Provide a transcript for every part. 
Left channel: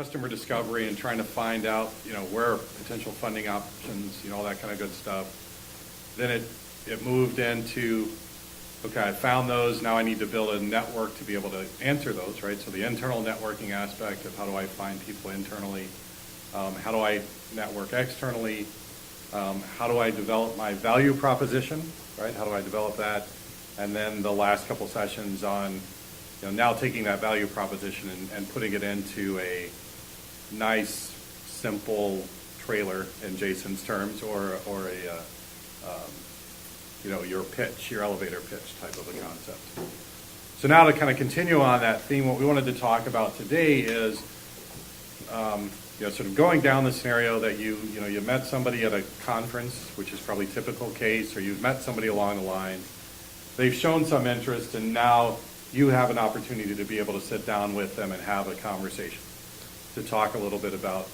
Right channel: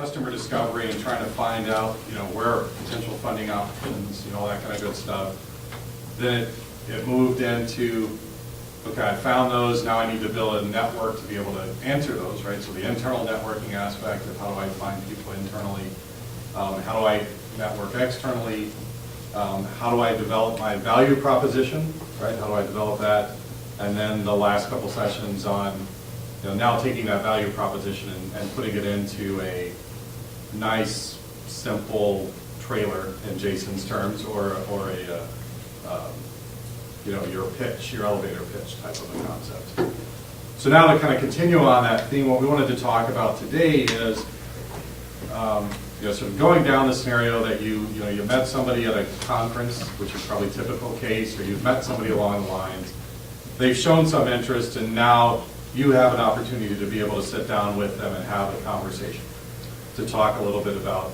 customer discovery and trying to find out, where are potential funding options, all that kind of good stuff. Then it moved into, okay, I found those, now I need to build a network to be able to answer those, right? So the internal networking aspect of how do I find people internally, how do I network externally, how do I develop my value proposition, right? How do I develop that? And then the last couple sessions on, now taking that value proposition and putting it into a nice, simple trailer in Jason's terms, or a, your pitch, your elevator pitch type of a concept. So now to kind of continue on that theme, what we wanted to talk about today is, sort of going down the scenario that you met somebody at a conference, which is probably a typical case, or you've met somebody along the lines, they've shown some interest, and now you have an opportunity to be able to sit down with them and have a conversation, to talk a little bit about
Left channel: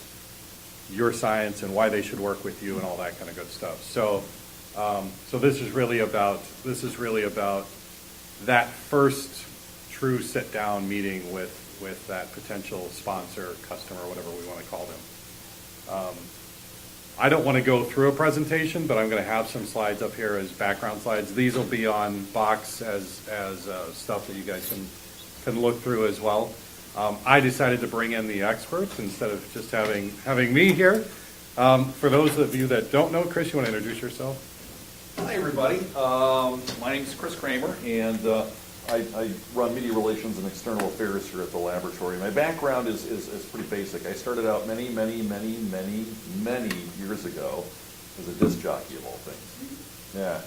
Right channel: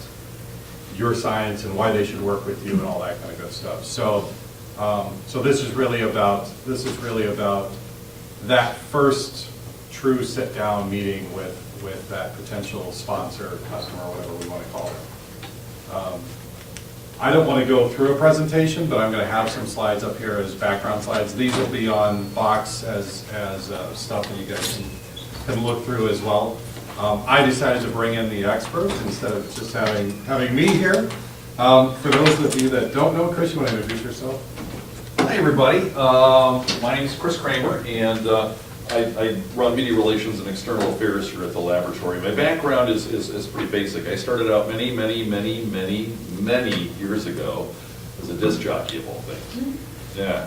your science and why they should work with you and all that kind of good stuff. So, so this is really about that first true sit-down meeting with that potential sponsor, customer, whatever we want to call it. I don't want to go through a presentation, but I'm going to have some slides up here as background slides. These will be on Box as stuff that you guys can look through as well. I decided to bring in the experts instead of just having me here. For those of you that don't know, Chris, you want to introduce yourself? Hi, everybody. My name is Chris Kramer, and I run media relations and external affairs here at the laboratory. My background is pretty basic. I started out many years ago as a disc jockey of all things. Yeah.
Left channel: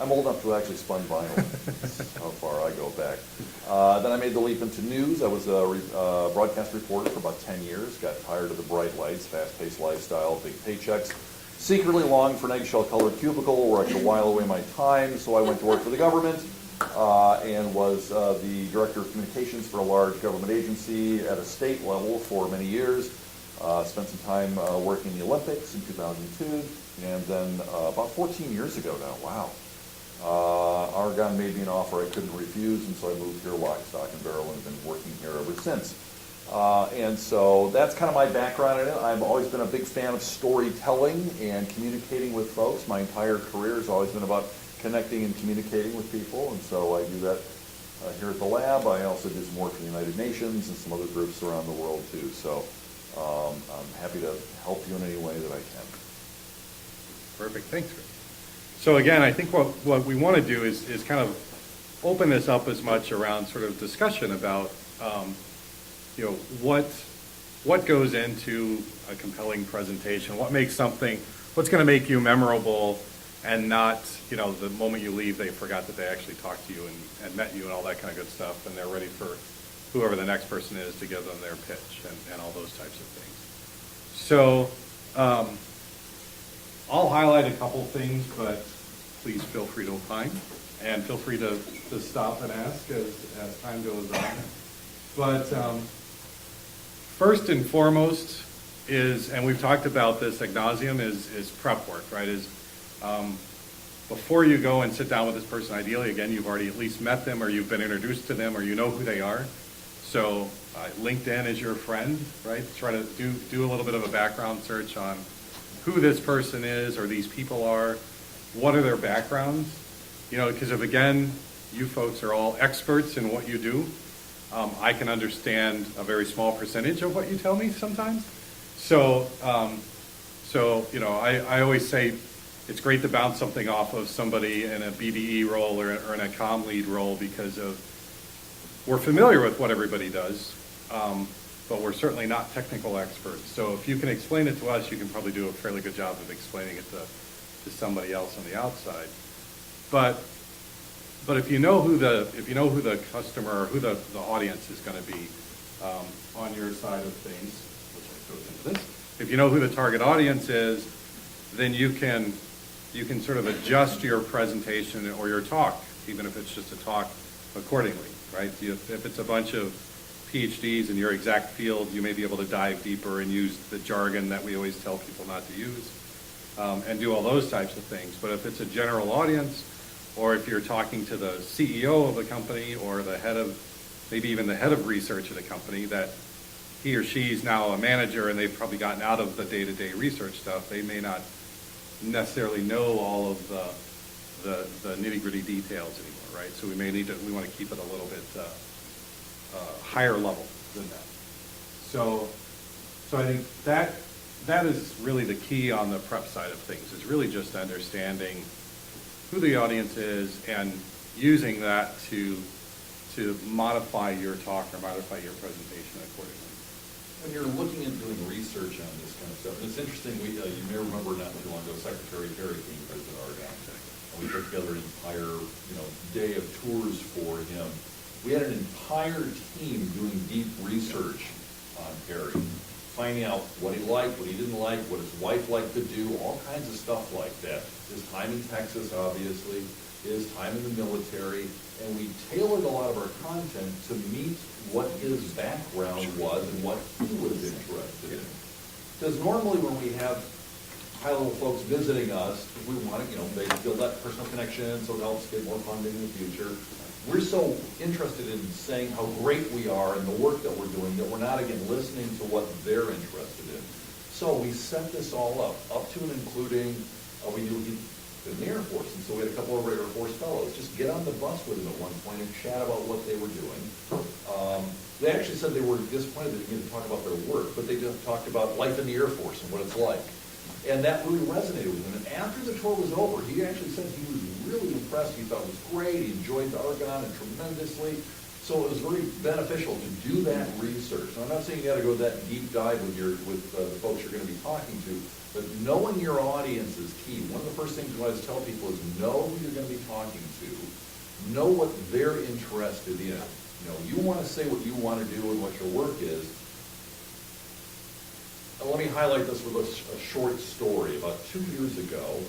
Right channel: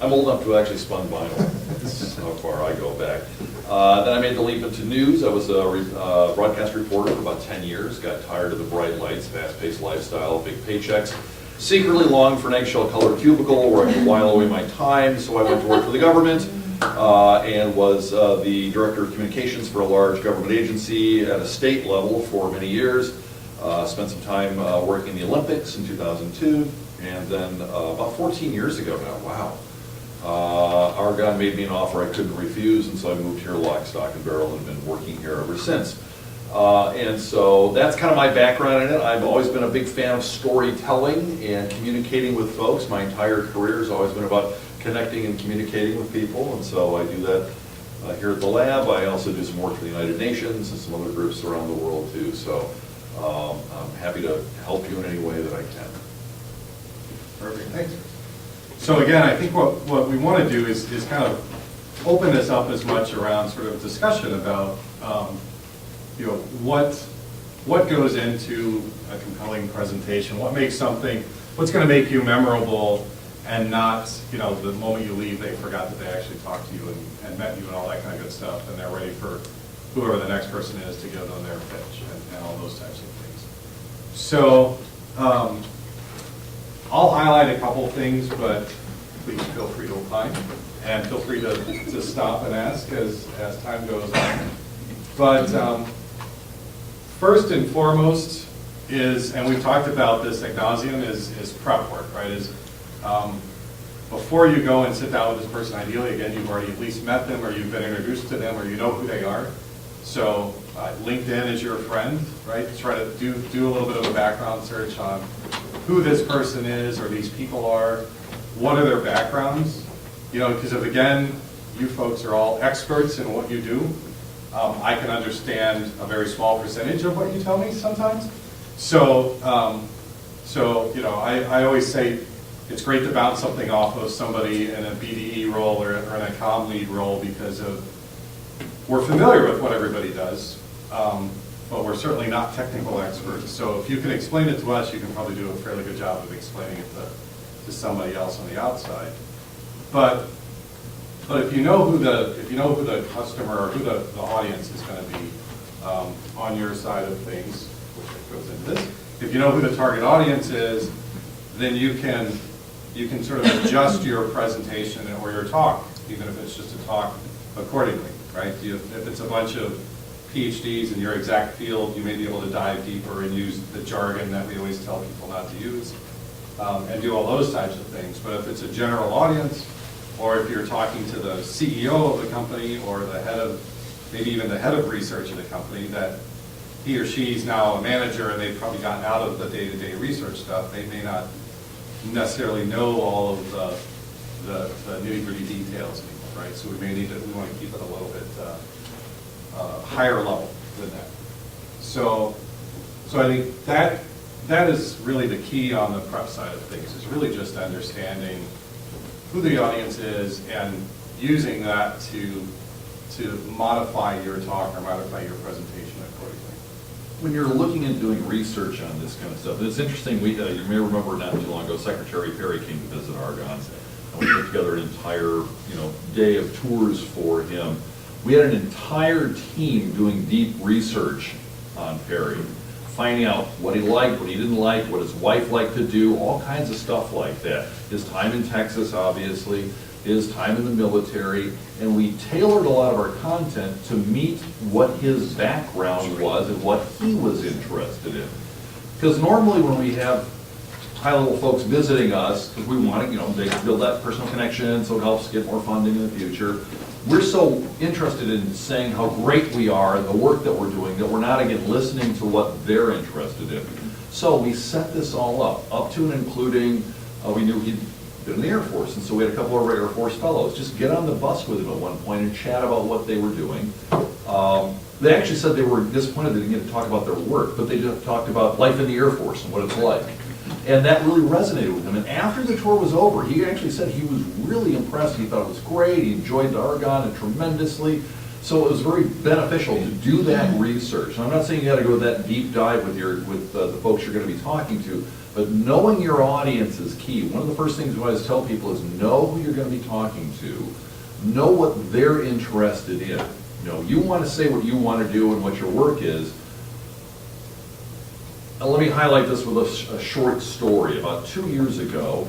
I'm old enough to have actually spun vinyl. That's how far I go back. Then I made the leap into news. I was a broadcast reporter for about 10 years. Got tired of the bright lights, fast-paced lifestyle, big paychecks. Secretly longed for an eggshell-colored cubicle where I could while away my time, so I went to work for the government and was the director of communications for a large government agency at a state level for many years. Spent some time working in the Olympics in 2002, and then about 14 years ago now, wow, Argonne made me an offer I couldn't refuse, and so I moved here lock, stock, and barrel, and been working here ever since. And so that's kind of my background in it. I've always been a big fan of storytelling and communicating with folks. My entire career has always been about connecting and communicating with people, and so I do that here at the lab. I also do some work for the United Nations and some other groups around the world too, so I'm happy to help you in any way that I can. Perfect, thanks. So again, I think what we want to do is kind of open this up as much around sort of discussion about what goes into a compelling presentation, what's going to make you memorable, and not, the moment you leave, they forgot that they actually talked to you and met you and all that kind of good stuff, and they're ready for whoever the next person is to give them their pitch and all those types of things. So I'll highlight a couple things, but please feel free to opine, and feel free to stop and ask as time goes on. But first and foremost is, and we've talked about this ad nauseum, is prep work, right? Before you go and sit down with this person, ideally, again, you've already at least met them, or you've been introduced to them, or you know who they are. So LinkedIn is your friend, right? Try to do a little bit of a background search on who this person is, or these people are, what are their backgrounds, because if, again, you folks are all experts in what you do, I can understand a very small percentage of what you tell me sometimes. So, I always say it's great to bounce something off of somebody in a BDE role or in a comm lead role, because we're familiar with what everybody does, but we're certainly not technical experts. So if you can explain it to us, you can probably do a fairly good job of explaining it to somebody else on the outside. But if you know who the customer or who the audience is going to be on your side of things, which goes into this, if you know who the target audience is, then you can sort of adjust your presentation or your talk, even if it's just a talk, accordingly, right? If it's a bunch of PhDs in your exact field, you may be able to dive deeper and use the jargon that we always tell people not to use, and do all those types of things. But if it's a general audience, or if you're talking to the CEO of the company, or maybe even the head of research in the company, that he or she's now a manager and they've probably gotten out of the day-to-day research stuff, they may not necessarily know all of the nitty-gritty details anymore, right? So we want to keep it a little bit higher level than that. So I think that is really the key on the prep side of things, is really just understanding who the audience is and using that to modify your talk or modify your presentation accordingly. When you're looking at doing research on this kind of stuff, it's interesting, you may remember not too long ago, Secretary Perry came to visit Argonne. And we put together an entire, day of tours for him. We had an entire team doing deep research on Perry, finding out what he liked, what he didn't like, what his wife liked to do, all kinds of stuff like that. His time in Texas, obviously, his time in the military, and we tailored a lot of our content to meet what his background was and what he was interested in. Because normally when we have high-level folks visiting us, because we want to, they build that personal connection, so it helps get more funding in the future. We're so interested in saying how great we are and the work that we're doing that we're not, again, listening to what they're interested in. So we set this all up to and including, we knew he'd been in the Air Force, and so we had a couple of our Air Force fellows just get on the bus with him at one point and chat about what they were doing. They actually said they were disappointed they didn't get to talk about their work, but they just talked about life in the Air Force and what it's like. And that really resonated with him. And after the tour was over, he actually said he was really impressed. He thought it was great. He enjoyed the Argonne tremendously. So it was very beneficial to do that research. And I'm not saying you got to go that deep dive with the folks you're going to be talking to, but knowing your audience is key. One of the first things I always tell people is know who you're going to be talking to, know what they're interested in. You want to say what you want to do and what your work is. Now, let me highlight this with a short story. About 2 years ago,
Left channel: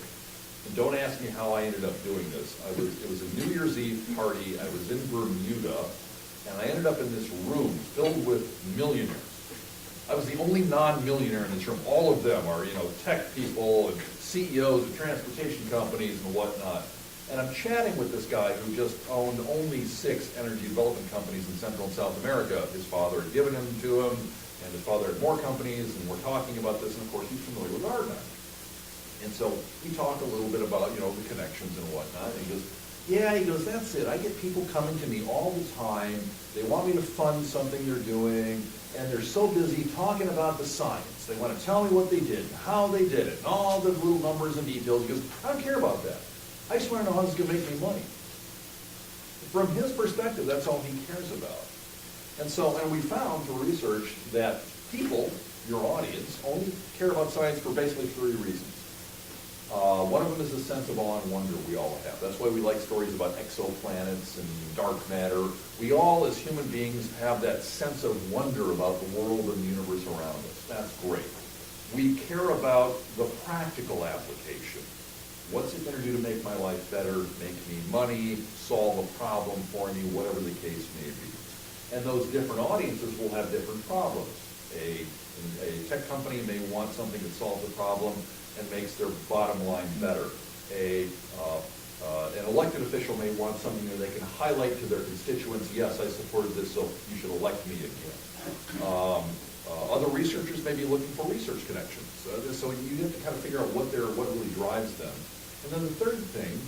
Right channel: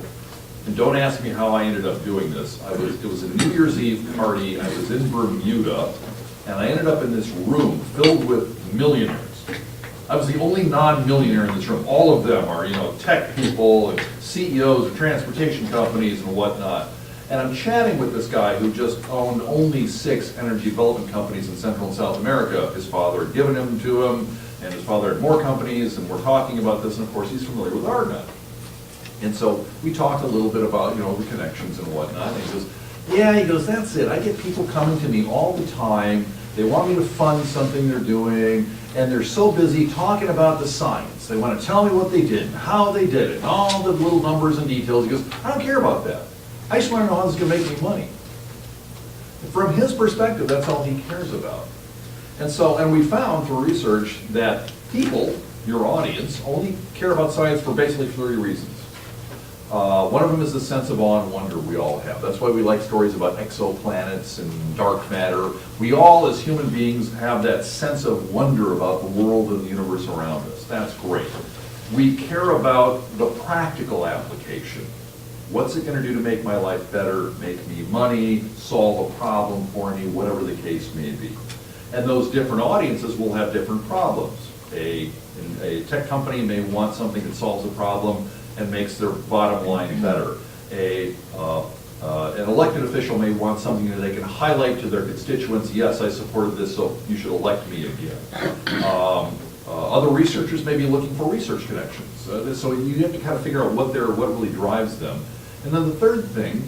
and don't ask me how I ended up doing this. It was a New Year's Eve party. I was in Bermuda, and I ended up in this room filled with millionaires. I was the only non-millionaire in this room. All of them are, tech people and CEOs of transportation companies and whatnot. And I'm chatting with this guy who just owned only 6 energy development companies in Central and South America. His father had given them to him, and his father had more companies, and we're talking about this, and of course he's familiar with Argonne. And so we talked a little bit about, the connections and whatnot, and he goes, that's it. I get people coming to me all the time. They want me to fund something they're doing, and they're so busy talking about the science. They want to tell me what they did and how they did it, and all the little numbers and details. He goes, I don't care about that. I just want to know how this is going to make me money. And from his perspective, that's all he cares about. And we found through research that people, your audience, only care about science for basically 3 reasons. One of them is the sense of awe and wonder we all have. That's why we like stories about exoplanets and dark matter. We all, as human beings, have that sense of wonder about the world and the universe around us. That's great. We care about the practical application. What's it going to do to make my life better, make me money, solve a problem for me, whatever the case may be. And those different audiences will have different problems. A tech company may want something that solves a problem and makes their bottom line better. An elected official may want something that they can highlight to their constituents, yes, I supported this, so you should elect me again. Other researchers may be looking for research connections. So you have to kind of figure out what really drives them. And then the third thing,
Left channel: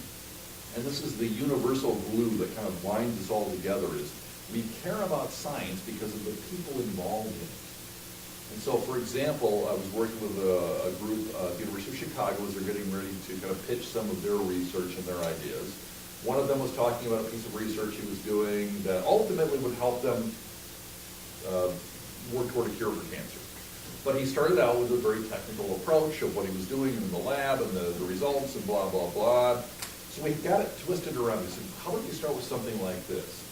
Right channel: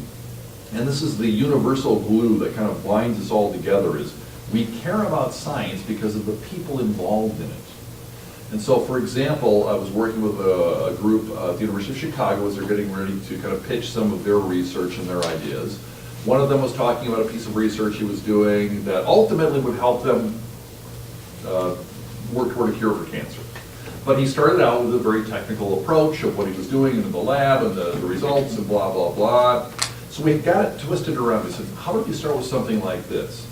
and this is the universal glue that kind of binds us all together, is we care about science because of the people involved in it. And so, for example, I was working with a group at the University of Chicago as they're getting ready to kind of pitch some of their research and their ideas. One of them was talking about a piece of research he was doing that ultimately would help them work toward a cure for cancer. But he started out with a very technical approach of what he was doing in the lab and the results and blah, blah, blah. So we got it twisted around. We said, how about you start with something like this?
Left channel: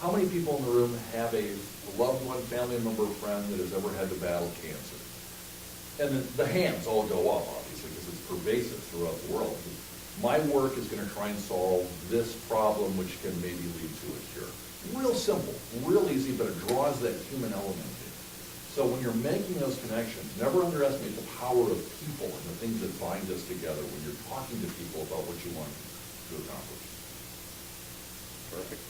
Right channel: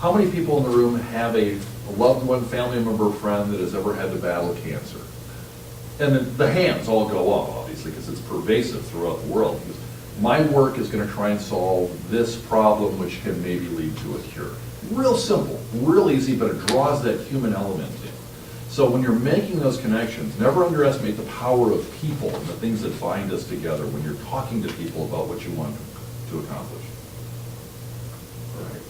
How many people in the room have a loved one, family member, friend that has ever had to battle cancer? And then the hands all go up, obviously, because it's pervasive throughout the world. My work is going to try and solve this problem, which can maybe lead to a cure. Real simple, real easy, but it draws that human element in. So when you're making those connections, never underestimate the power of people and the things that bind us together when you're talking to people about what you want to accomplish. Right.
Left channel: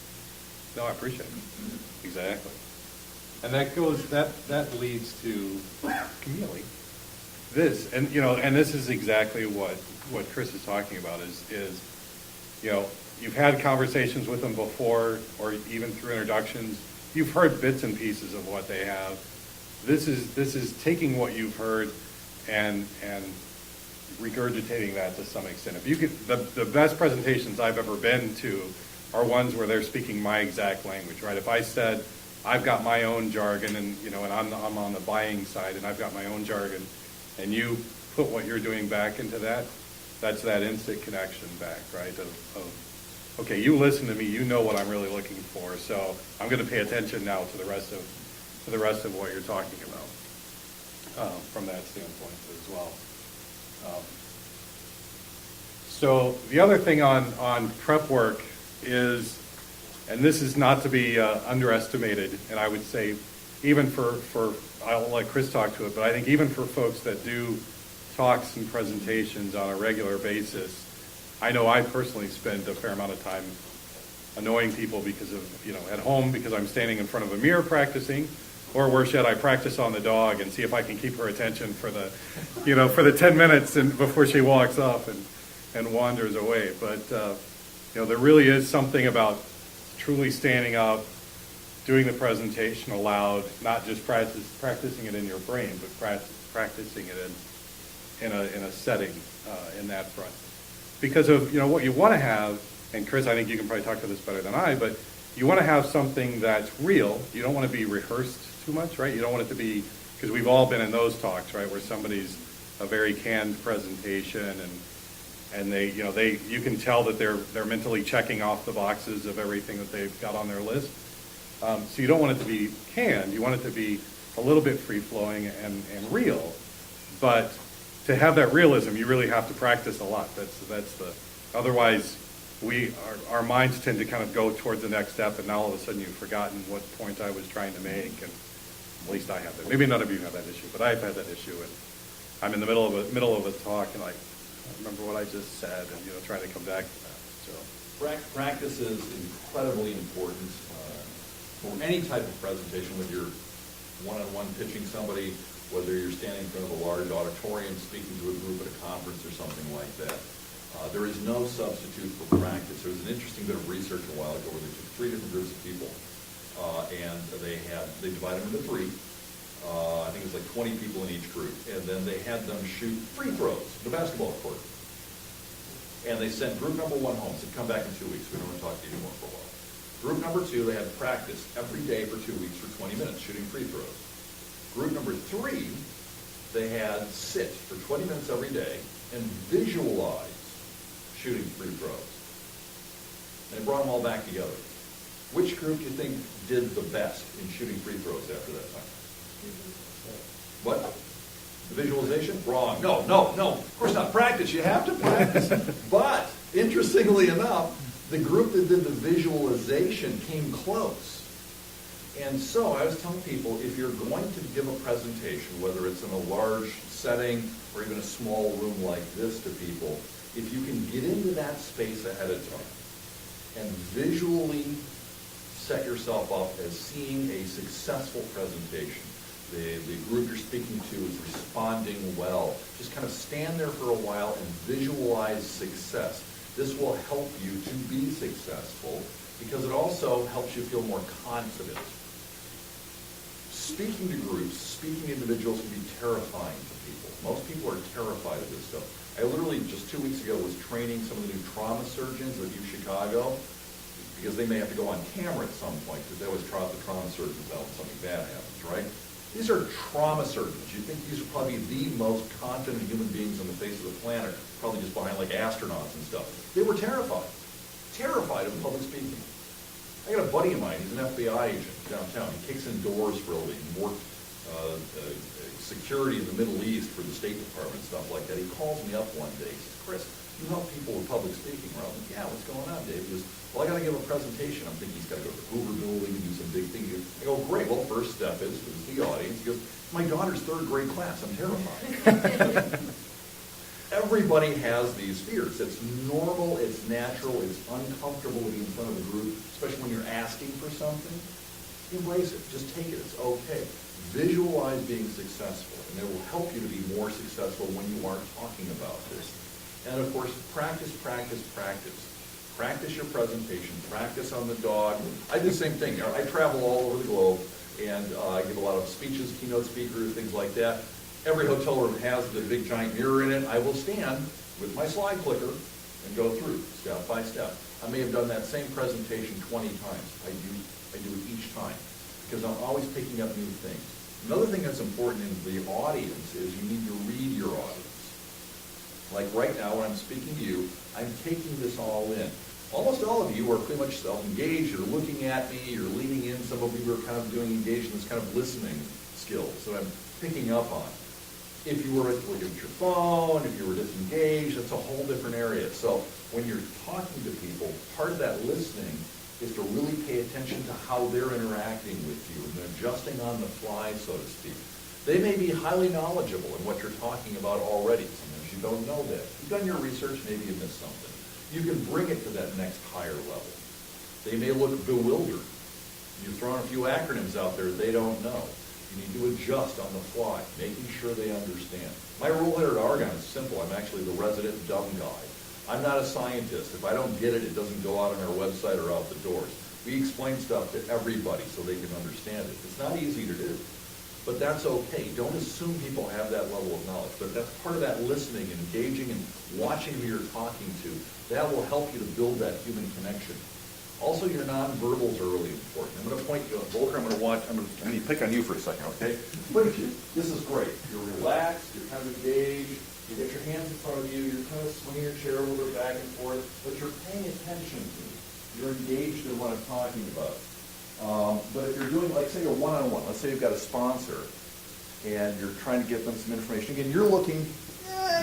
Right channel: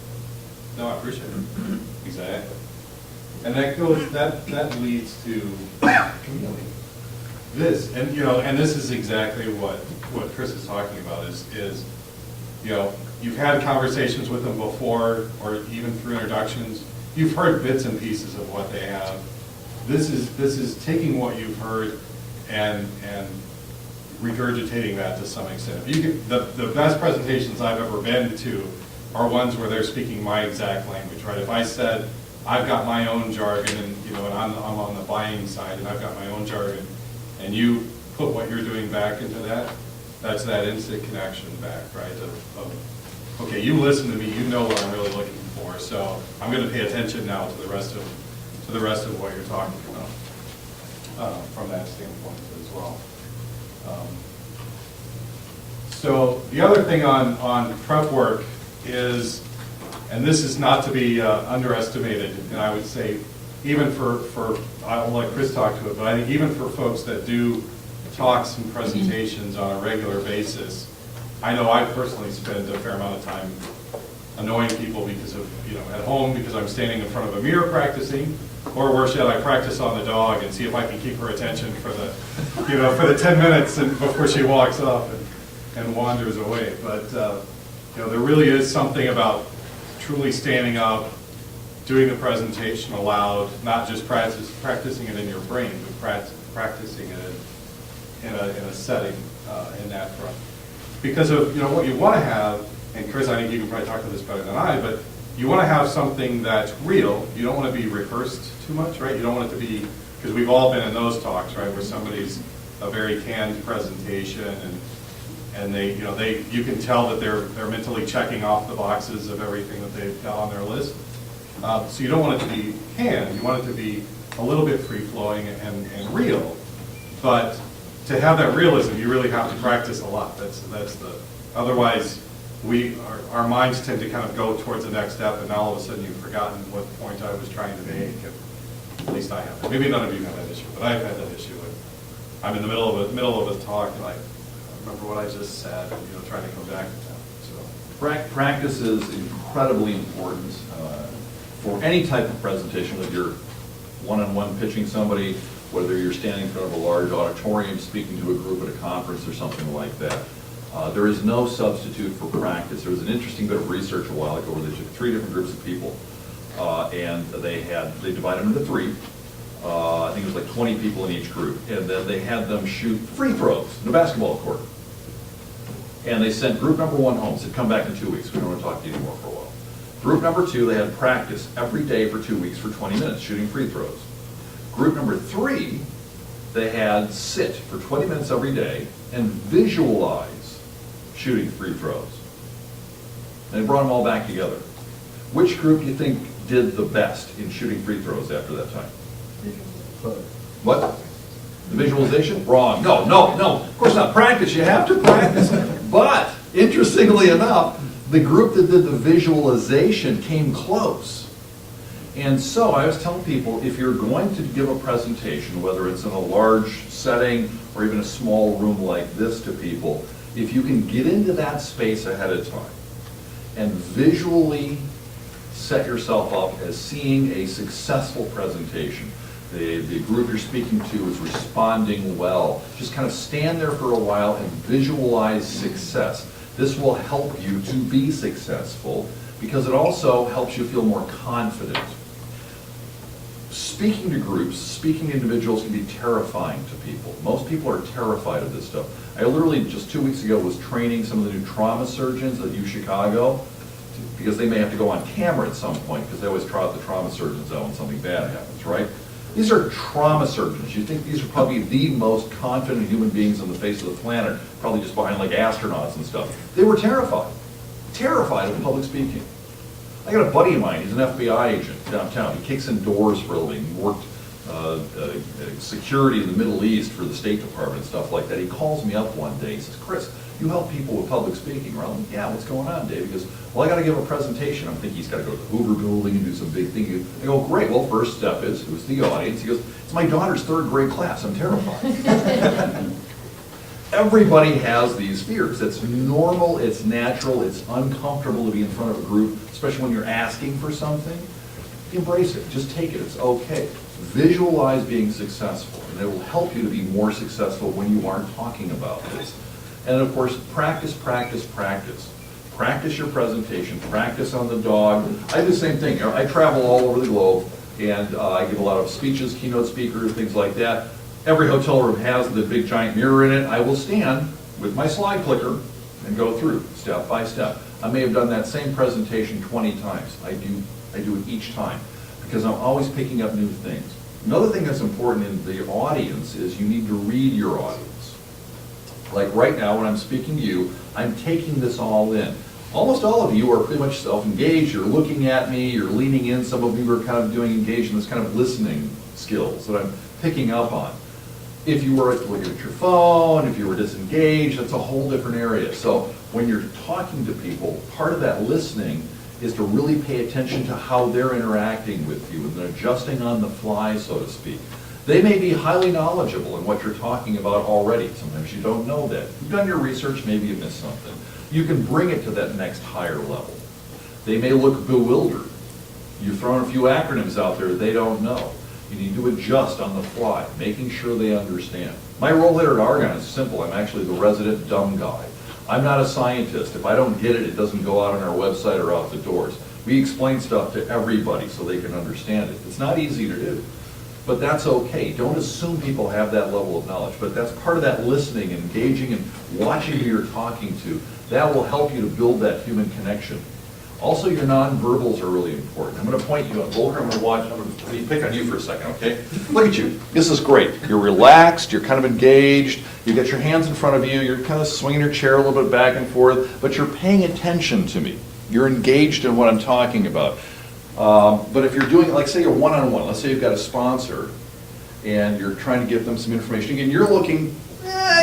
No, I appreciate it. Exactly. And that leads to this, and and this is exactly what Chris is talking about is you've had conversations with them before, or even through introductions. You've heard bits and pieces of what they have. This is taking what you've heard and regurgitating that to some extent. If you could, the best presentations I've ever been to are ones where they're speaking my exact language, right? If I said, I've got my own jargon, and and I'm on the buying side, and I've got my own jargon, and you put what you're doing back into that, that's that instant connection back, right? Okay, you listen to me, you know what I'm really looking for, so I'm going to pay attention now to the rest of what you're talking about from that standpoint as well. So the other thing on prep work is, and this is not to be underestimated, and I would say even for I'll let Chris talk to it, but I think even for folks that do talks and presentations on a regular basis, I know I personally spend a fair amount of time annoying people because of, at home because I'm standing in front of a mirror practicing, or worse yet, I practice on the dog and see if I can keep her attention for the, for the 10 minutes and before she walks off and wanders away. But, there really is something about truly standing up, doing the presentation aloud, not just practicing it in your brain, but practicing it in a setting in that front. Because of what you want to have, and Chris, I think you can probably talk to this better than I, but you want to have something that's real. You don't want to be rehearsed too much, right? You don't want it to be, because we've all been in those talks, right, where somebody's a very canned presentation and they, you can tell that they're mentally checking off the boxes of everything that they've got on their list. So you don't want it to be canned. You want it to be a little bit free-flowing and real. But to have that realism, you really have to practice a lot. Otherwise, our minds tend to kind of go towards the next step, and now all of a sudden you've forgotten what point I was trying to make. At least I have. Maybe none of you have that issue, but I've had that issue. I'm in the middle of a talk, and I remember what I just said, trying to come back to that. So Practice is incredibly important for any type of presentation, whether you're one-on-one pitching somebody, whether you're standing in front of a large auditorium speaking to a group at a conference or something like that. There is no substitute for practice. There was an interesting bit of research a while ago where they took 3 different groups of people, and they divided them into 3. I think it was like 20 people in each group, and then they had them shoot free throws in a basketball court. And they sent group number 1 home, said, come back in 2 weeks. We don't want to talk to you anymore for a while. Group number 2, they had practice every day for 2 weeks for 20 minutes shooting free throws. Group number 3, they had sit for 20 minutes every day and visualize shooting free throws. And they brought them all back together. Which group do you think did the best in shooting free throws after that time? What? The visualization? Wrong. No. Of course not. Practice. You have to practice. But, interestingly enough, the group that did the visualization came close. And so I was telling people, if you're going to give a presentation, whether it's in a large setting or even a small room like this to people, if you can get into that space ahead of time and visually set yourself up as seeing a successful presentation, the group you're speaking to is responding well, just kind of stand there for a while and visualize success. This will help you to be successful because it also helps you feel more confident. Speaking to groups, speaking to individuals can be terrifying to people. Most people are terrified of this stuff. I literally just 2 weeks ago was training some of the new trauma surgeons at UChicago because they may have to go on camera at some point because they always trot the trauma surgeons out when something bad happens, right? These are trauma surgeons. You think these are probably the most confident human beings on the face of the planet, probably just behind like astronauts and stuff. They were terrified of public speaking. I got a buddy of mine, he's an FBI agent downtown. He kicks in doors for a living. He worked security in the Middle East for the State Department and stuff like that. He calls me up one day, he says, Chris, you help people with public speaking, right? I'm like, yeah, what's going on, Dave? He goes, well, I got to give a presentation. I'm thinking he's got to go to the Hoover Building and do some big thing. I go, great, well, first step is, who's the audience? He goes, it's my daughter's 3rd grade class. I'm terrified. Everybody has these fears. It's normal, it's natural, it's uncomfortable to be in front of a group, especially when you're asking for something. embrace it, just take it, it's okay. Visualize being successful, and it will help you to be more successful when you aren't talking about this. And of course, practice, practice, practice. Practice your presentation, practice on the dog. I do the same thing. You know, I travel all over the globe, and I give a lot of speeches, keynote speakers, things like that. Every hotel room has the big giant mirror in it. I will stand with my slide clicker and go through step by step. I may have done that same presentation 20 times. I do it each time because I'm always picking up new things. Another thing that's important in the audience is you need to read your audience. Like right now when I'm speaking to you, I'm taking this all in. Almost all of you are pretty much self-engaged. You're looking at me, you're leaning in. Some of you are kind of doing engaged in this kind of listening skills that I'm picking up on. If you were looking at your phone, if you were disengaged, that's a whole different area. So when you're talking to people, part of that listening is to really pay attention to how they're interacting with you and they're adjusting on the fly, so to speak. They may be highly knowledgeable in what you're talking about already. Sometimes you don't know that. You've done your research, maybe you missed something. You can bring it to that next higher level. They may look bewildered. You've thrown a few acronyms out there they don't know. You need to adjust on the fly, making sure they understand. My role here at Argonne is simple. I'm actually the resident dumb guy. I'm not a scientist. If I don't get it, it doesn't go out on our website or out the doors. We explain stuff to everybody so they can understand it. It's not easy to do, but that's okay. Don't assume people have that level of knowledge, but that's part of that listening, engaging, and watching who you're talking to. That will help you to build that human connection. Also, your nonverbals are really important. I'm going to point you at Volker. I'm going to watch. I'm going to pick on you for a second, okay? Look at you. This is great. You're relaxed. You're kind of engaged. You got your hands in front of you. You're kind of swinging your chair a little bit back and forth, but you're paying attention to me. You're engaged in what I'm talking about. But if you're doing, like say you're one-on-one, let's say you've got a sponsor and you're trying to give them some information. Again, you're looking,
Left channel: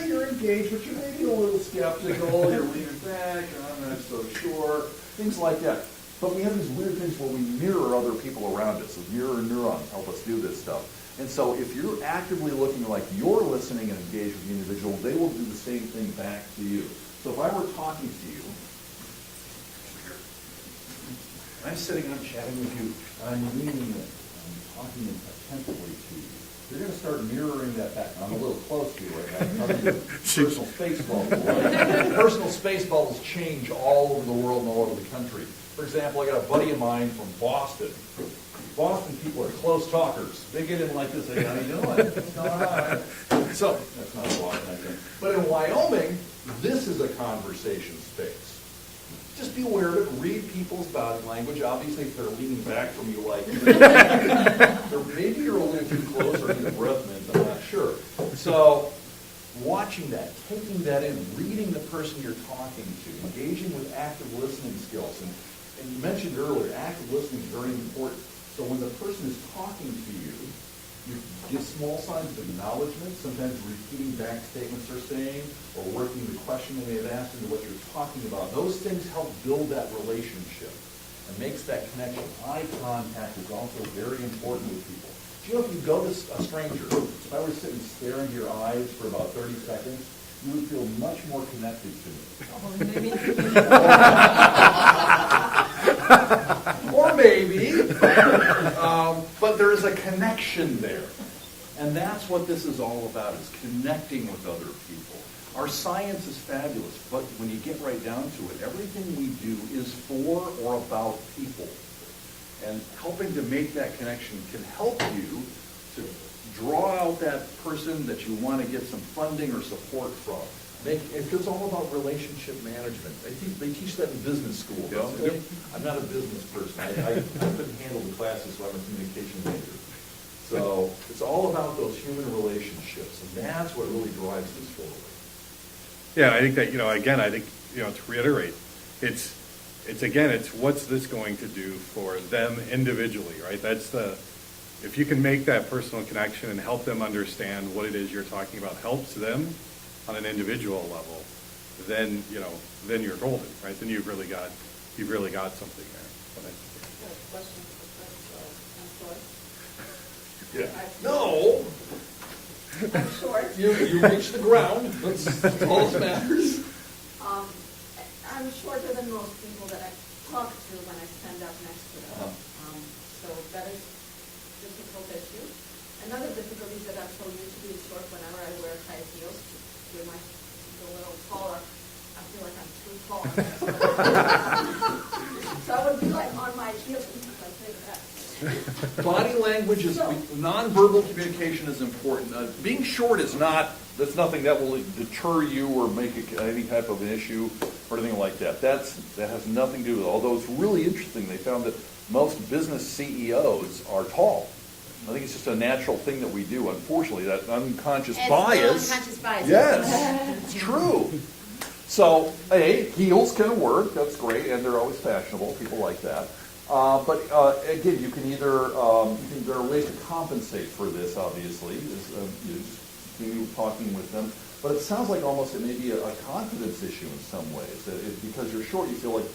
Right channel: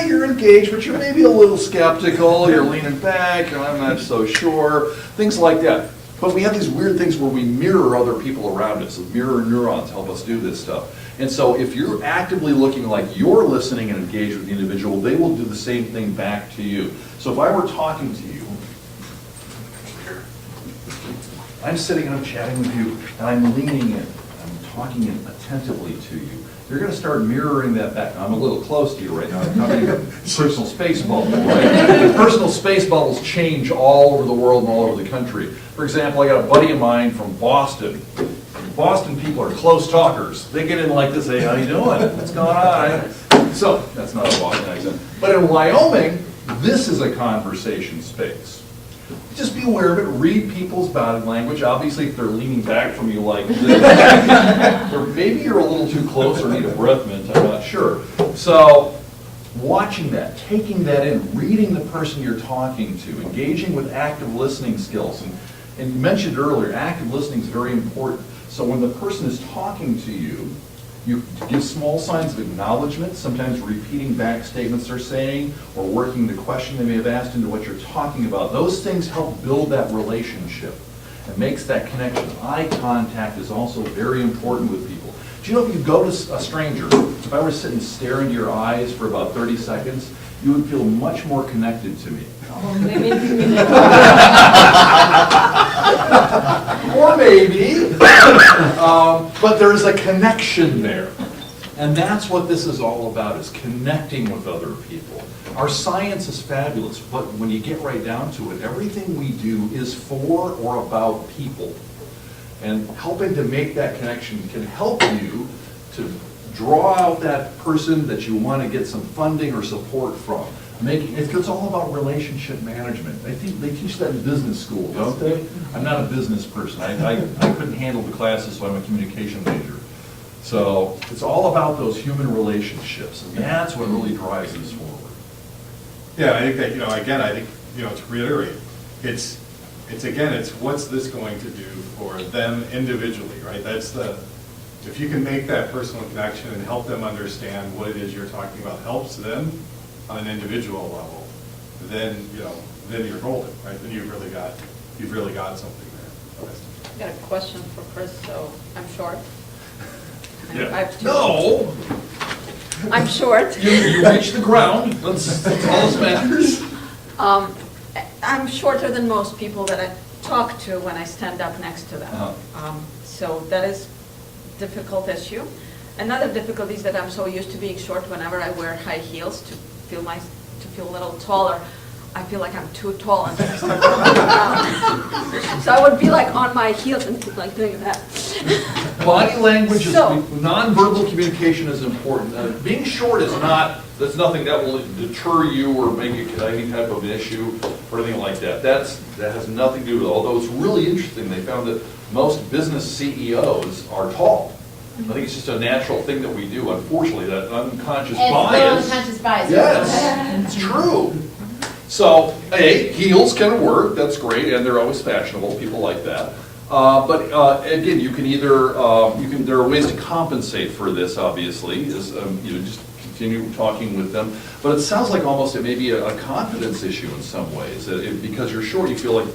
you're engaged, but you're maybe a little skeptical, you're leaning back, I'm not so sure, things like that. But we have these weird things where we mirror other people around us. Mirror neurons help us do this stuff. And so if you're actively looking like you're listening and engaged with the individual, they will do the same thing back to you. So if I were talking to you, I'm sitting and I'm chatting with you, and I'm leaning in, I'm talking in attentively to you. You're going to start mirroring that back. I'm a little close to you right now. I'm talking about personal space bubble, right? And personal space bubbles change all over the world and all over the country. For example, I got a buddy of mine from Boston. Boston people are close talkers. They get in like this, hey, how you doing? What's going on? So, that's not a Boston accent. But in Wyoming, this is a conversation space. Just be aware of it, read people's body language. Obviously, if they're leaning back from you like this, or maybe you're a little too close or need a breath mint, I'm not sure. So, watching that, taking that in, reading the person you're talking to, engaging with active listening skills. And you mentioned earlier, active listening is very important. So when the person is talking to you, you give small signs of acknowledgement, sometimes repeating back statements they're saying, or working the question they may have asked into what you're talking about. Those things help build that relationship and makes that connection. Eye contact is also very important with people. Do you know if you go to a stranger, if I were to sit and stare into your eyes for about 30 seconds, you would feel much more connected to me. Or maybe, but there's a connection there. And that's what this is all about, is connecting with other people. Our science is fabulous, but when you get right down to it, everything we do is for or about people. And helping to make that connection can help you to draw out that person that you want to get some funding or support from. It's all about relationship management. I think they teach that in business school, don't they? I'm not a business person. I couldn't handle the classes, so I'm a communication major. So it's all about those human relationships, and that's what really drives this forward. Yeah, I think that, again, I think, to reiterate, it's what's this going to do for them individually, right? That's if you can make that personal connection and help them understand what it is you're talking about helps them on an individual level, then you're golden, right? Then you've really got something there. I got a question for Chris, so I'm short. Yeah. No! I'm short. You reach the ground. That's all that matters. I'm shorter than most people that I talk to when I stand up next to them. So that is difficult issue. Another difficulty is that I'm so used to being short. Whenever I wear high heels to feel a little taller, I feel like I'm too tall. And then I start falling down. So I would be like on my heels and keep like doing that. Body language is, So- nonverbal communication is important. Being short is not, that's nothing that will deter you or make it any type of an issue or anything like that. That has nothing to do with it, although it's really interesting. They found that most business CEOs are tall. I think it's just a natural thing that we do, unfortunately, that unconscious bias. It's unconscious bias. Yes, it's true. So, hey, heels can work, that's great, and they're always fashionable, people like that. But again, you can either, there are ways to compensate for this, obviously, is, just continue talking with them. But it sounds like almost it may be a confidence issue in some ways, because you're short, you feel like,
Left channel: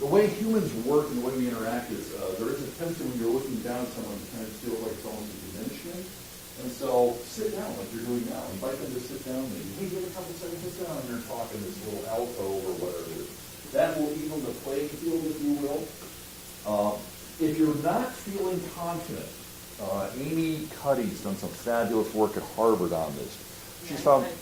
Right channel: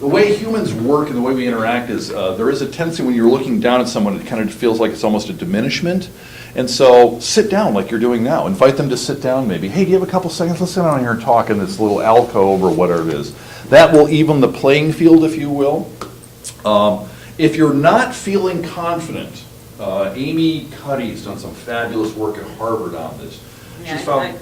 the way humans work and the way we interact is, there is a tendency when you're looking down at someone, it kind of feels like it's almost a diminishment. And so sit down like you're doing now. Invite them to sit down maybe. Hey, do you have a couple seconds? Let's sit down here and talk in this little alcove or whatever it is. That will even the playing field, if you will. If you're not feeling confident, Amy Cuddy's done some fabulous work at Harvard on this. Yeah, She's found,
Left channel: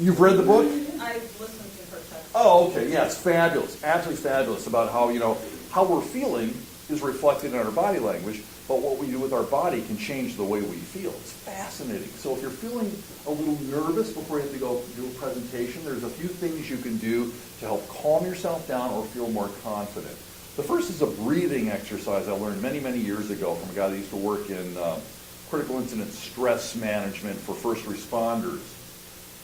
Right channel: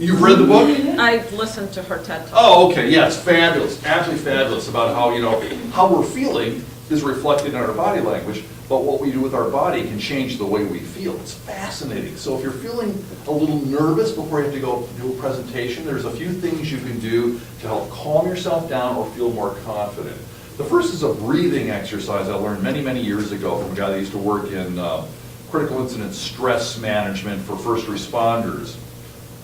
you've read the book? I've listened to her TED Talk. Oh, okay, yes, fabulous, absolutely fabulous about how, how we're feeling is reflected in our body language, but what we do with our body can change the way we feel. It's fascinating. So if you're feeling a little nervous before you have to go do a presentation, there's a few things you can do to help calm yourself down or feel more confident. The first is a breathing exercise I learned many, many years ago from a guy that used to work in critical incident stress management for first responders.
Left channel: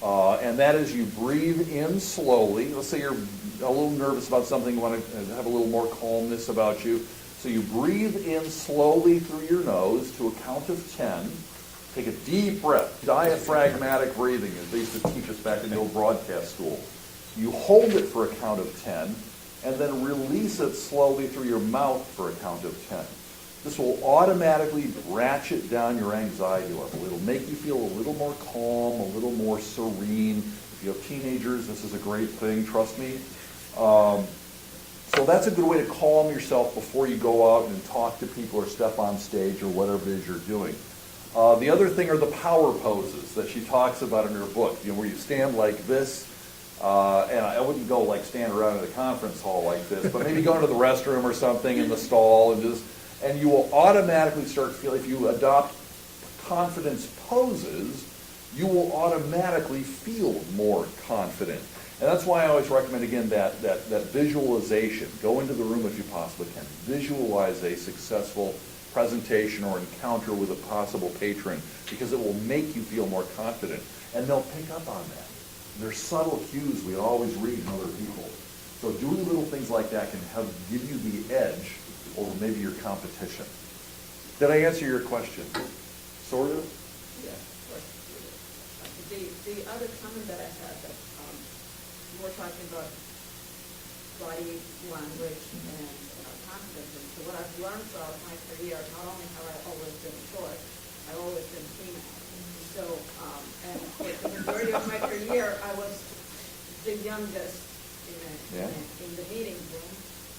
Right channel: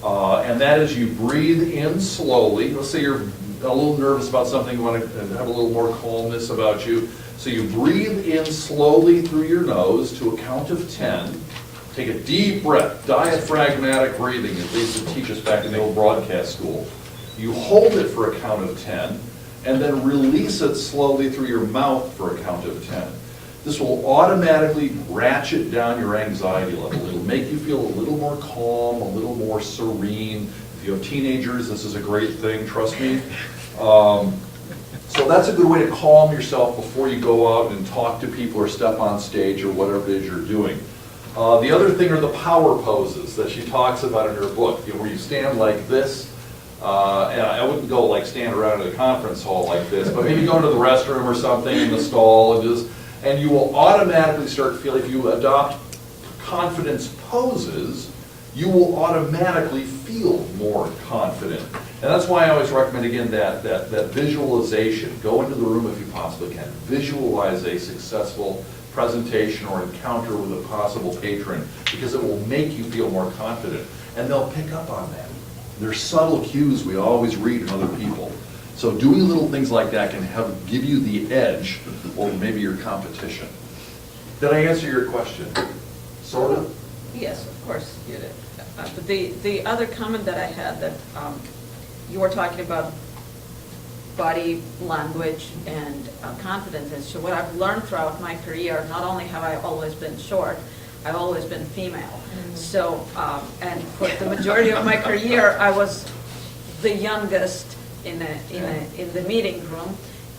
And that is you breathe in slowly. Let's say you're a little nervous about something, you want to have a little more calmness about you. So you breathe in slowly through your nose to a count of 10. Take a deep breath, diaphragmatic breathing, as they used to teach us back in the old broadcast school. You hold it for a count of 10, and then release it slowly through your mouth for a count of 10. This will automatically ratchet down your anxiety level. It'll make you feel a little more calm, a little more serene. If you have teenagers, this is a great thing, trust me. So that's a good way to calm yourself before you go out and talk to people or step on stage or whatever it is you're doing. The other thing are the power poses that she talks about in her book, where you stand like this. And I wouldn't go like stand around at a conference hall like this, but maybe go to the restroom or something in the stall and you will automatically start feeling, if you adopt confidence poses, you will automatically feel more confident. And that's why I always recommend, again, that visualization. Go into the room if you possibly can. Visualize a successful presentation or encounter with a possible patron, because it will make you feel more confident. And they'll pick up on that. There's subtle cues we always read in other people. So doing little things like that can give you the edge over maybe your competition. Did I answer your question? Sort of? Yes, of course you did. But the other comment that I had, that you were talking about body language and confidence. So what I've learned throughout my career, not only have I always been short, I've always been female. So, and for the majority of my career, I was the youngest in the meeting room.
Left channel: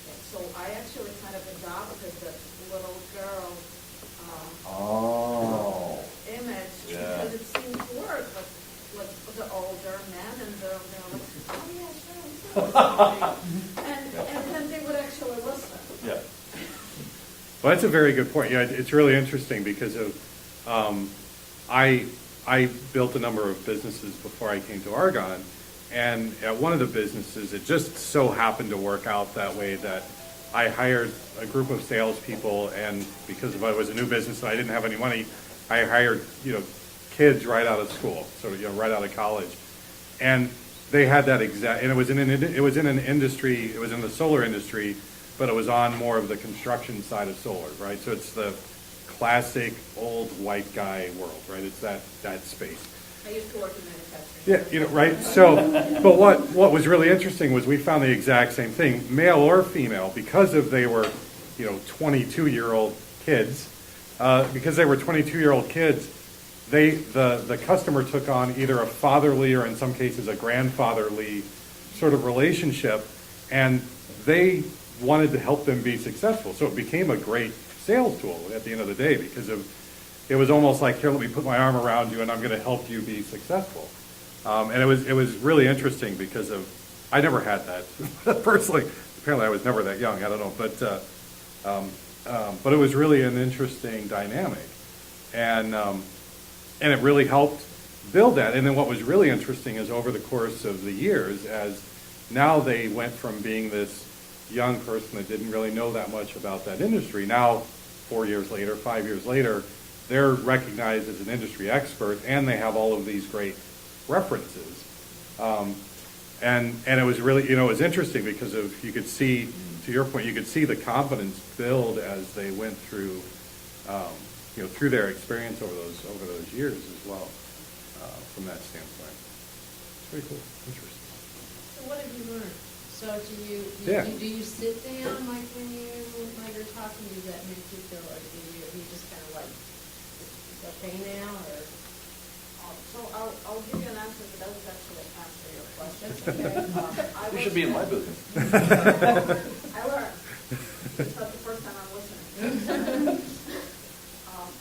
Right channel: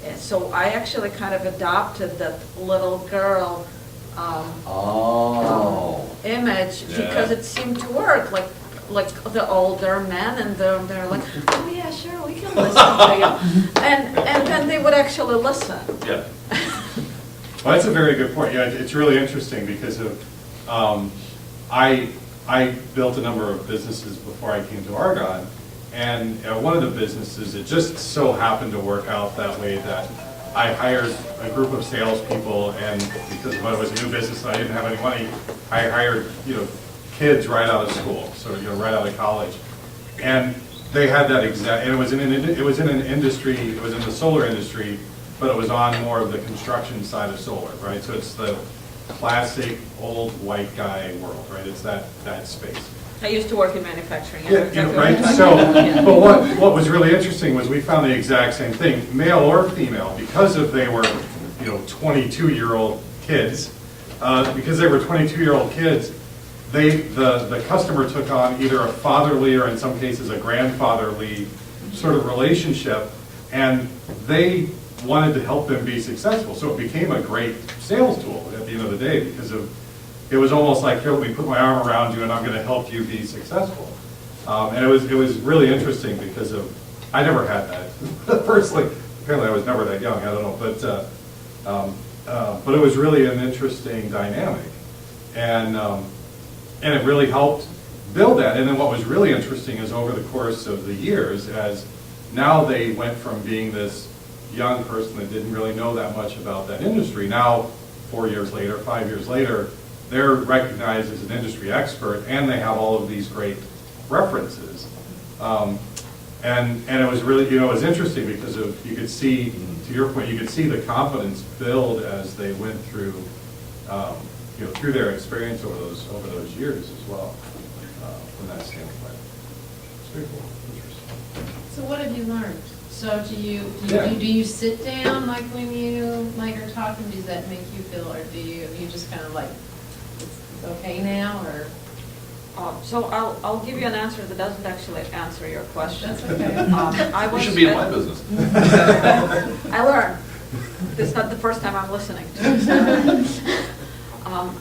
And so I actually kind of adopted that little girl image, Yeah. because it seemed to work. Like the older men, and they're like, oh yeah, sure, we can listen to you. And then they would actually listen. Yeah. Well, that's a very good point. Yeah, it's really interesting because of, I built a number of businesses before I came to Argonne, and one of the businesses, it just so happened to work out that way that I hired a group of salespeople, and because it was a new business and I didn't have any money, I hired, kids right out of school, so, right out of college. And they had that exact, and it was in an industry, it was in the solar industry, but it was on more of the construction side of solar, right? So it's the classic old white guy world, right? It's that space. I used to work in manufacturing. Yeah, right. So, but what was really interesting was we found the exact same thing, male or female, because they were, 22-year-old kids. Because they were 22-year-old kids, the customer took on either a fatherly or in some cases a grandfatherly sort of relationship, and they wanted to help them be successful. So it became a great sales tool at the end of the day because it was almost like, here, let me put my arm around you and I'm going to help you be successful. And it was really interesting because I never had that personally. Apparently I was never that young, I don't know, but it was really an interesting dynamic. And it really helped build that. And then what was really interesting is over the course of the years, as now they went from being this young person that didn't really know that much about that industry, now 4 years later, 5 years later, they're recognized as an industry expert and they have all of these great references. And it was really, it was interesting because you could see, to your point, you could see the confidence build as they went through, through their experience over those years as well, from that standpoint. Very cool, interesting. So what have you learned? So Yeah. do you sit down like when you are talking? Does that make you feel, or do you just kind of like, it's okay now, or? So I'll give you an answer that doesn't actually answer your question. That's okay. I You should be in my business. I learned. It's not the first time I'm listening to.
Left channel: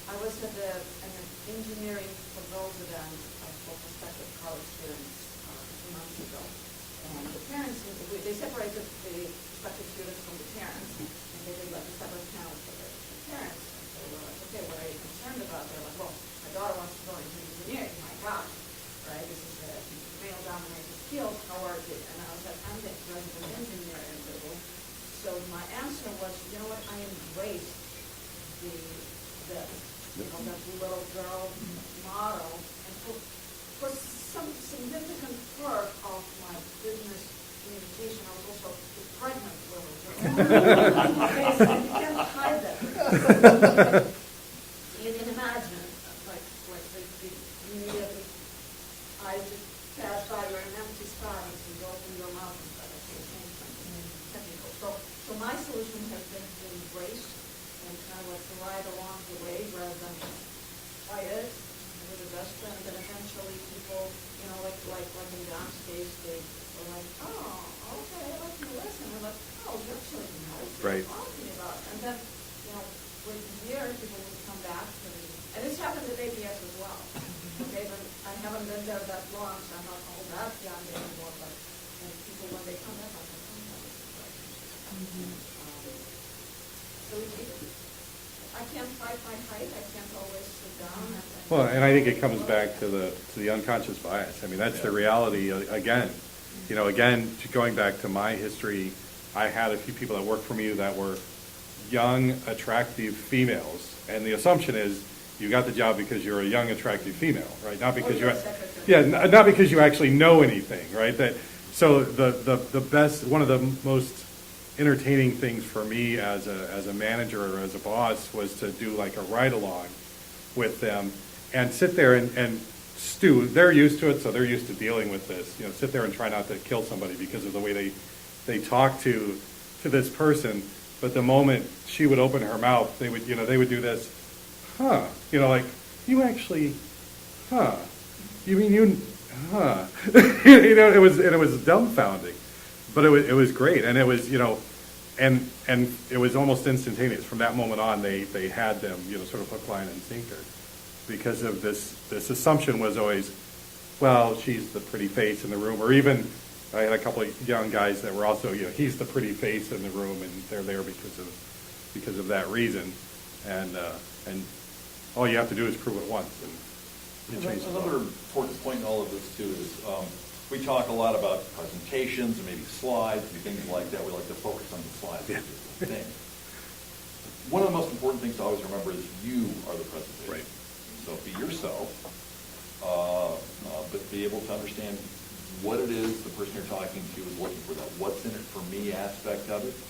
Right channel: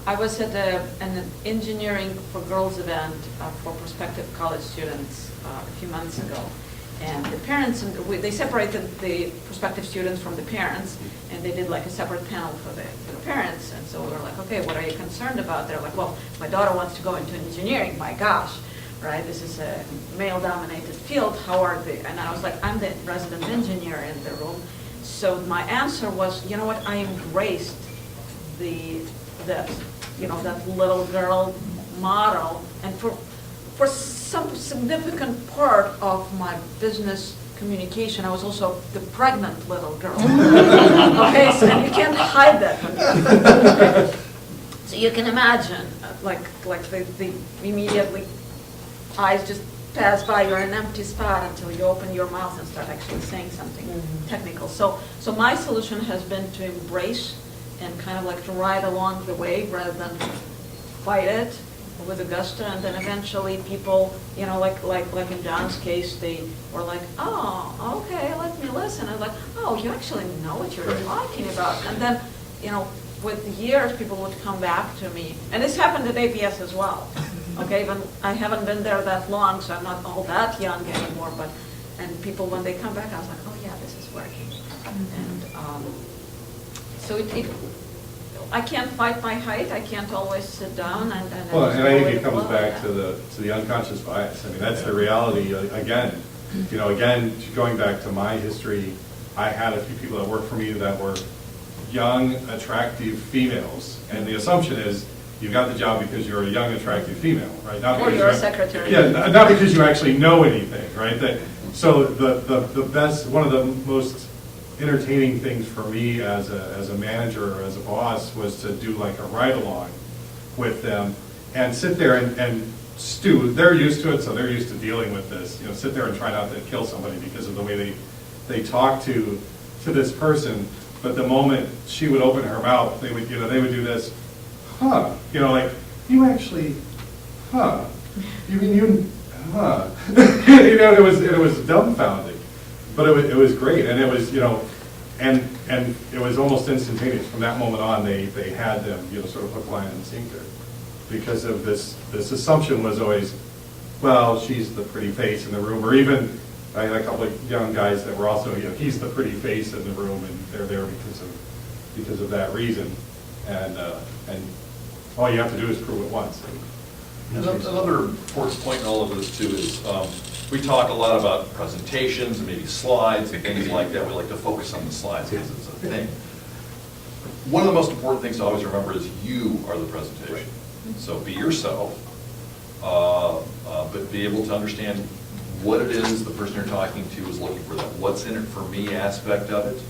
I was at an engineering for girls event for prospective college students a few months ago. And the parents, they separated the prospective students from the parents, and they did like a separate panel for the parents. And so we were like, okay, what are you concerned about? They're like, well, my daughter wants to go into engineering. My gosh, right? This is a male-dominated field. How are they? And I was like, I'm the resident engineer in the room. So my answer was, you know what? I embraced that little girl model, and for some significant part of my business communication, I was also the pregnant little girl. Okay, so and you can't hide that. So you can imagine, like the immediately eyes just pass by, you're in an empty spot until you open your mouth and start actually saying something technical. So my solution has been to embrace and kind of like to ride along the way rather than fight it with a gusto, and then eventually people, like in John's case, they were like, oh, okay, let me listen. And like, oh, you actually know what you're Right. talking about. And then, with years, people would come back to me, and this happened at APS as well. Okay, but I haven't been there that long, so I'm not all that young anymore. And people, when they come back, I was like, oh yeah, this is working. And so I can't fight my height. I can't always sit down and. Well, and I think it flow. comes back to the unconscious bias. I mean, that's the reality. Again, going back to my history, I had a few people that worked for me that were young, attractive females, and the assumption is you got the job because you're a young, attractive female, right? Not Or because you're a you- secretary. Yeah, not because you actually know anything, right? So the best, one of the most entertaining things for me as a manager or as a boss was to do like a ride-along with them and sit there and stew. They're used to it, so they're used to dealing with this. Sit there and try not to kill somebody because of the way they talk to this person. But the moment she would open her mouth, they would do this, huh? Like, you actually, huh? You mean you, huh? It was dumbfounding. But it was great, and it was, and it was almost instantaneous. From that moment on, they had them, sort of hook, line, and sinker, because of this assumption was always, well, she's the pretty face in the room, or even I had a couple of young guys that were also, he's the pretty face in the room, and they're there because of that reason, and all you have to do is prove it once. Another important point in all of this too is, we talk a lot about presentations and maybe slides and things like that. We like to focus on the slides because it's a thing. One of the most important things to always remember is you are the presentation. So be yourself, but be able to understand what it is the person you're talking to is looking for, that what's in it for me aspect of it.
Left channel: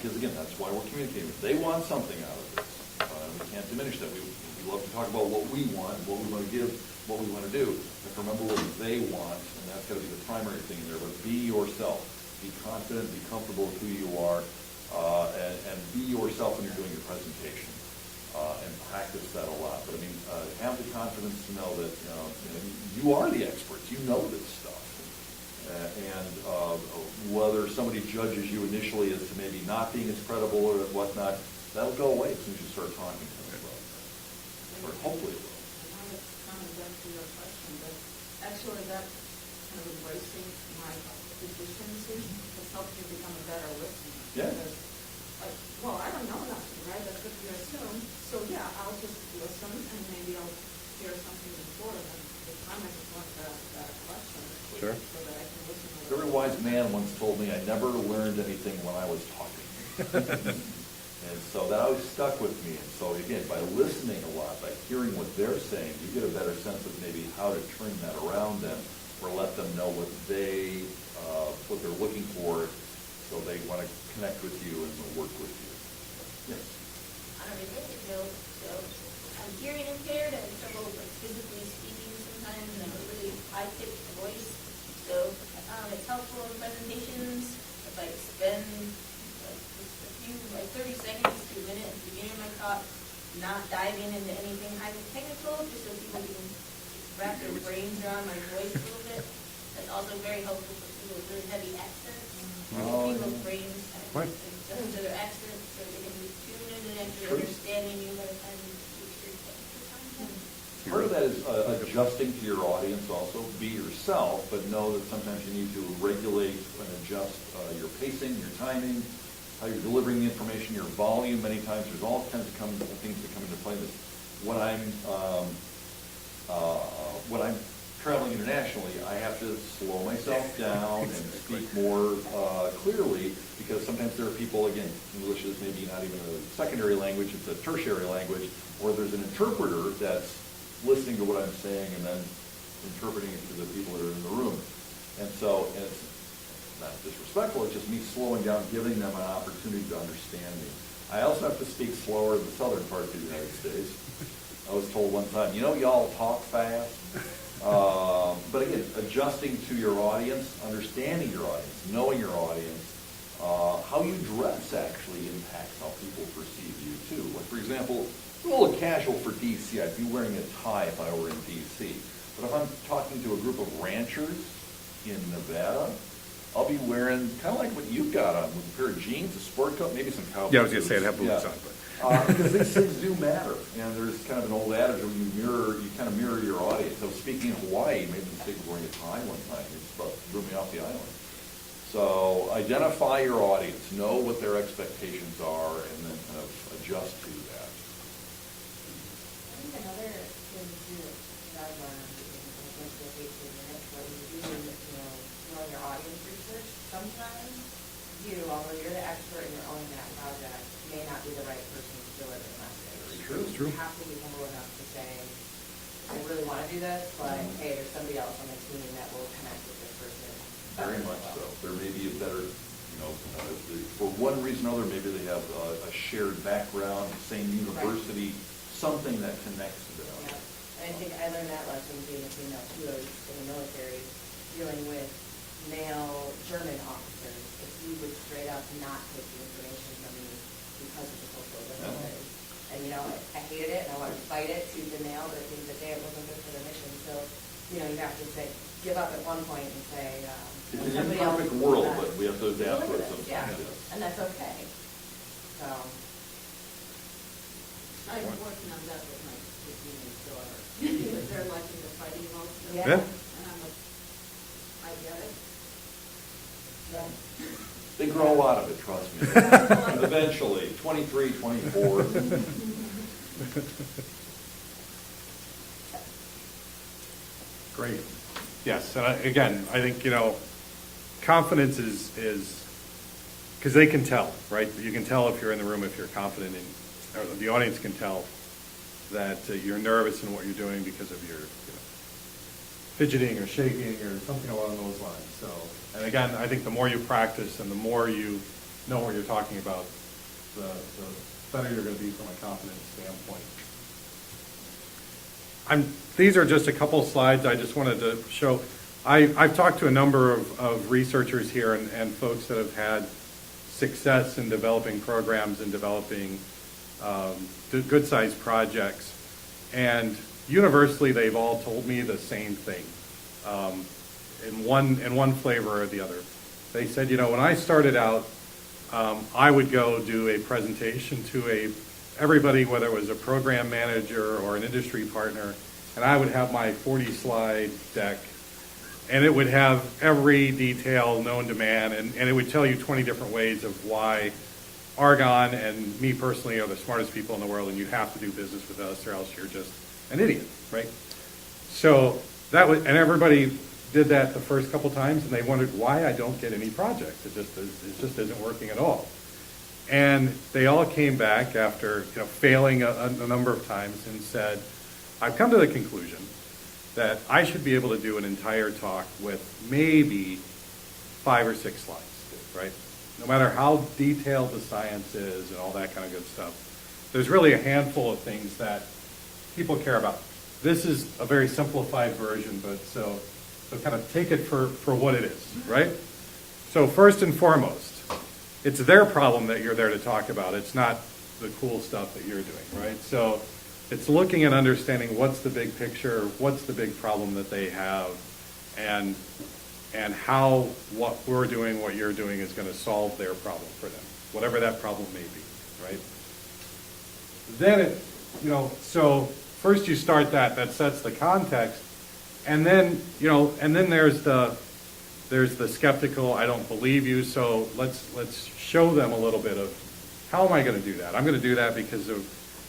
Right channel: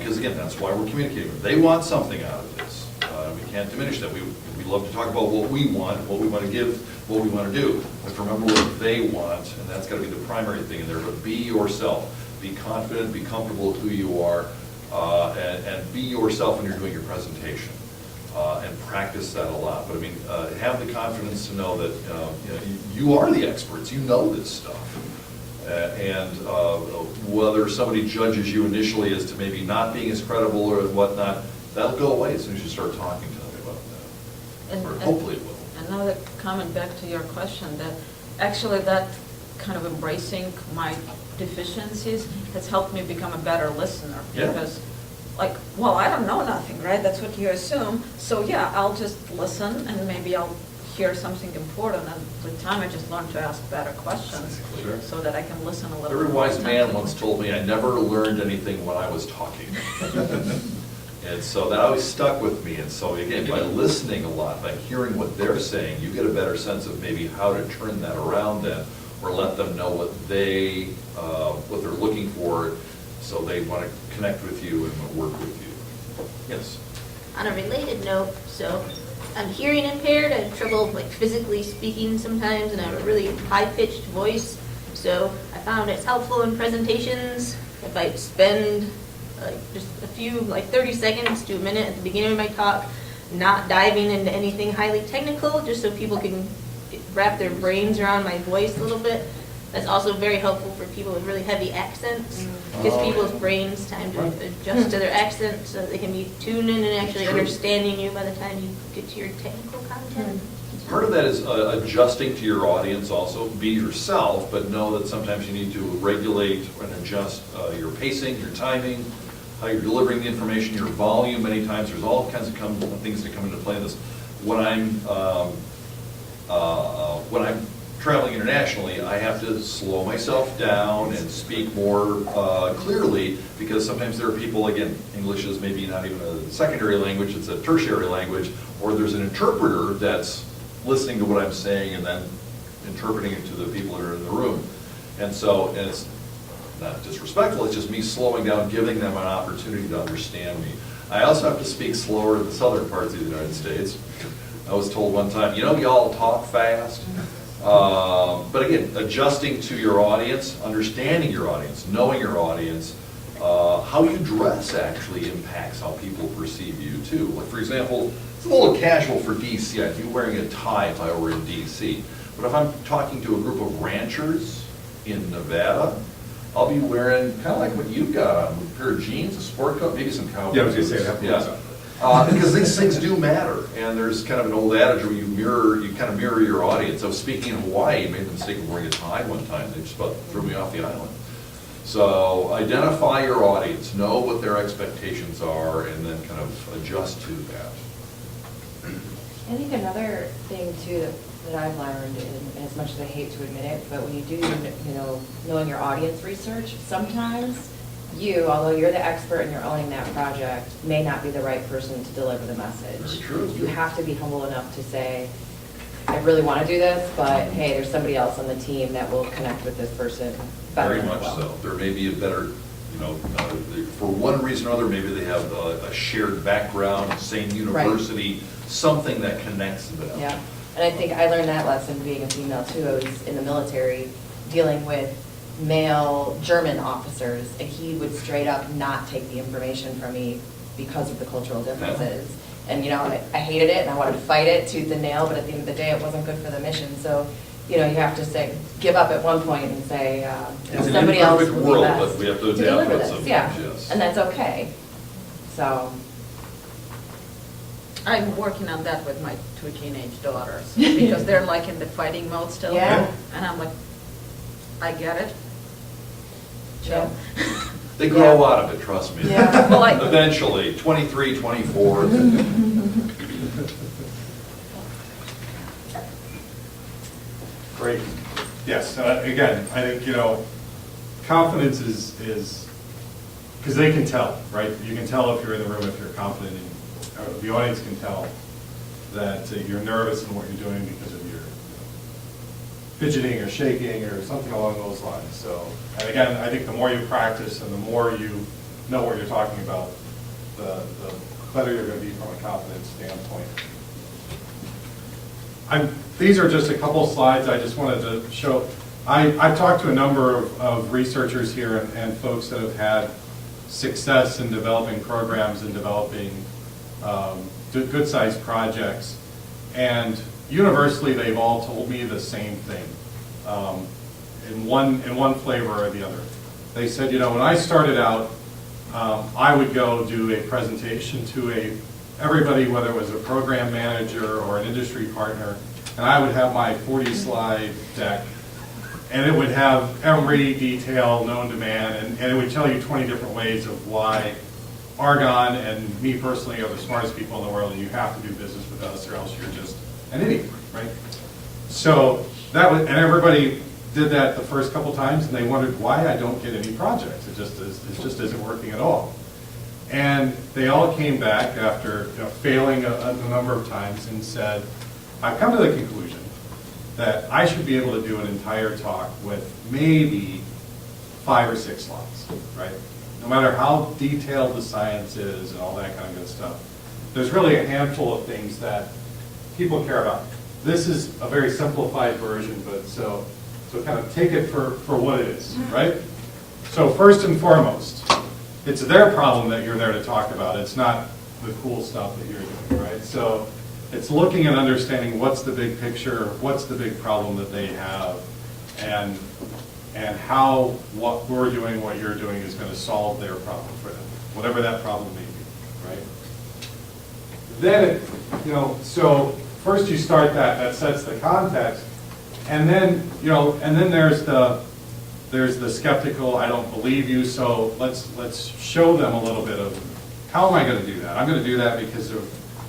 Because again, that's why we're communicating. They want something out of this. We can't diminish that. We love to talk about what we want, what we want to give, what we want to do. But remember what they want, and that's got to be the primary thing in there. But be yourself. Be confident, be comfortable with who you are, and be yourself when you're doing your presentation. And practice that a lot. But I mean, have the confidence to know that you are the experts. You know this stuff. And whether somebody judges you initially as to maybe not being as credible or whatnot, that'll go away as soon as you start talking to them about that. And- Or and hopefully it will. Another comment back to your question, that actually that kind of embracing my deficiencies has helped me become a better listener. Yeah. Because, like, well, I don't know nothing, right? That's what you assume. So, yeah, I'll just listen and maybe I'll hear something important. And with time, I just learned to ask better questions Sure. so that I can listen a A little very bit more wise man attentively. once told me, I never learned anything when I was talking. And so that always stuck with me. And so again, by listening a lot, by hearing what they're saying, you get a better sense of maybe how to turn that around then, or let them know what they're looking for, so they want to connect with you and work with you. Yes? On a related note, so I'm hearing impaired, I have trouble like physically speaking sometimes, and I have a really high-pitched voice. So I found it's helpful in presentations if I spend like just a few, like 30 seconds to a minute at the beginning of my talk, not diving into anything highly technical, just so people can wrap their brains around my voice a little bit. That's also very helpful for people with really heavy accents. Gives Oh, people's yeah. brains time to adjust to their accent so they can be tuned in and actually True. understanding you by the time you get to your technical content. Part of that is adjusting to your audience also. Be yourself, but know that sometimes you need to regulate and adjust your pacing, your timing, how you're delivering the information, your volume. Many times, there's all kinds of things that come into play in this. When I'm traveling internationally, I have to slow myself down and speak more clearly, because sometimes there are people, again, English is maybe not even a secondary language, it's a tertiary language, or there's an interpreter that's listening to what I'm saying and then interpreting it to the people that are in the room. And so it's not disrespectful, it's just me slowing down, giving them an opportunity to understand me. I also have to speak slower in the southern parts of the United States. I was told one time, y'all talk fast. But again, adjusting to your audience, understanding your audience, knowing your audience, how you dress actually impacts how people perceive you too. Like, for example, it's a little casual for DC. I'd be wearing a tie if I were in DC. But if I'm talking to a group of ranchers in Nevada, I'll be wearing kind of like what you've got on, a pair of jeans, a sport coat, maybe some cowboy Yeah, I was gonna boots. say, I'd have to look Yeah. something. Because these things do matter, and there's kind of an old adage where you kind of mirror your audience. I was speaking in Hawaii, made the mistake of wearing a tie one time, they just about threw me off the island. So identify your audience, know what their expectations are, and then kind of adjust to that. I think another thing too that I've learned, and as much as I hate to admit it, but when you do, knowing your audience research, sometimes you, although you're the expert and you're owning that project, may not be the right person to deliver the message. Very true. You have to be humble enough to say, I really want to do this, but hey, there's somebody else on the team that will connect with this person better Very as much well. so. There may be a better, for one reason or other, maybe they have a shared background, same university, something that connects them. Yeah, and I think I learned that lesson being a female too. I was in the military dealing with male German officers, and he would straight up not take the information from me because of the cultural differences. And, I hated it and I wanted to fight it tooth and nail, but at the end of the day, it wasn't good for the mission. So, you have to say, give up at one point and say, It's an somebody else imperfect will be world, best but we have to adapt deliver to it this. sometimes, Yeah, yes. and that's okay. So, I'm working on that with my 2 teenage daughters, because they're like in the fighting mode still. Yeah. And I'm like, I get it. yeah. They grow Yeah. out of it, trust me. Yeah. Well, I- Eventually, 23, 24. Great. Yes, again, I think, confidence is, because they can tell, right? You can tell if you're in the room, if you're confident, or the audience can tell that you're nervous in what you're doing because of your fidgeting or shaking or something along those lines. So, and again, I think the more you practice and the more you know what you're talking about, the better you're going to be from a confidence standpoint. These are just a couple slides I just wanted to show. I've talked to a number of researchers here and folks that have had success in developing programs and developing good-sized projects. And universally, they've all told me the same thing. in one flavor or the other. They said, you know, when I started out, I would go do a presentation to everybody, whether it was a program manager or an industry partner, and I would have my 40-slide deck, and it would have every detail known to man, and it would tell you 20 different ways of why Argonne and me personally are the smartest people in the world, and you have to do business with us, or else you're just an idiot, right? So that was, and everybody did that the first couple times, and they wondered why I don't get any projects. It just isn't working at all. And they all came back after failing a number of times and said, I've come to the conclusion that I should be able to do an entire talk with maybe 5 or 6 slides, right? No matter how detailed the science is and all that kind of good stuff, there's really a handful of things that people care about. This is a very simplified version, but so kind of take it for what it is, right? So first and foremost, it's their problem that you're there to talk about. It's not the cool stuff that you're doing, right? So it's looking and understanding what's the big picture, what's the big problem that they have, and how what we're doing, what you're doing is going to solve their problem for them, whatever that problem may be, right? Then, so first you start that sets the context, and then, and then there's the skeptical, I don't believe you, so let's show them a little bit of how am I going to do that? I'm going to do that because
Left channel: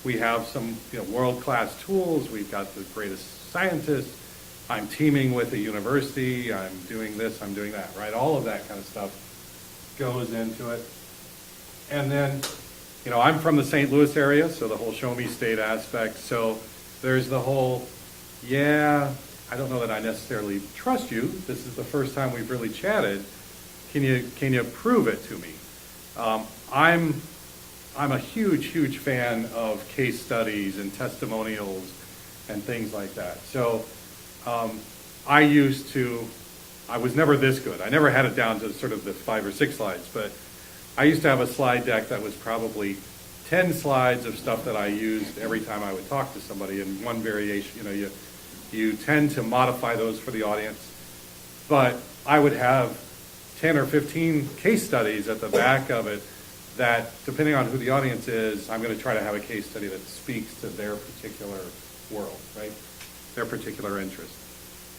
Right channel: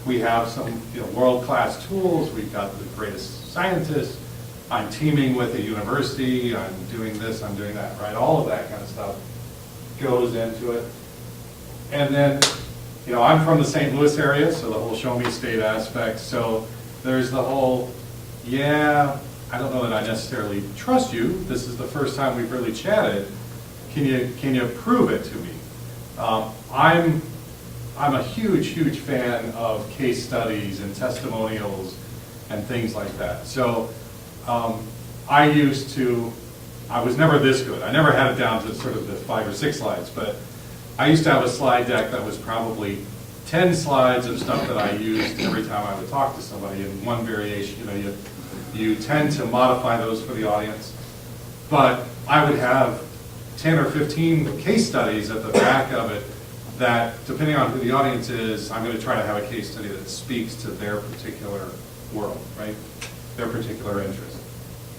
we have some world-class tools, we've got the greatest scientists, I'm teaming with a university, I'm doing this, I'm doing that, right? All of that kind of stuff goes into it. And then, I'm from the St. Louis area, so the whole show me state aspect. So there's the whole, I don't know that I necessarily trust you. This is the first time we've really chatted. Can you prove it to me? I'm a huge fan of case studies and testimonials and things like that. So I was never this good. I never had it down to sort of the 5 or 6 slides, but I used to have a slide deck that was probably 10 slides of stuff that I used every time I would talk to somebody in one variation. You tend to modify those for the audience, but I would have 10 or 15 case studies at the back of it that, depending on who the audience is, I'm going to try to have a case study that speaks to their particular world, right? Their particular interest,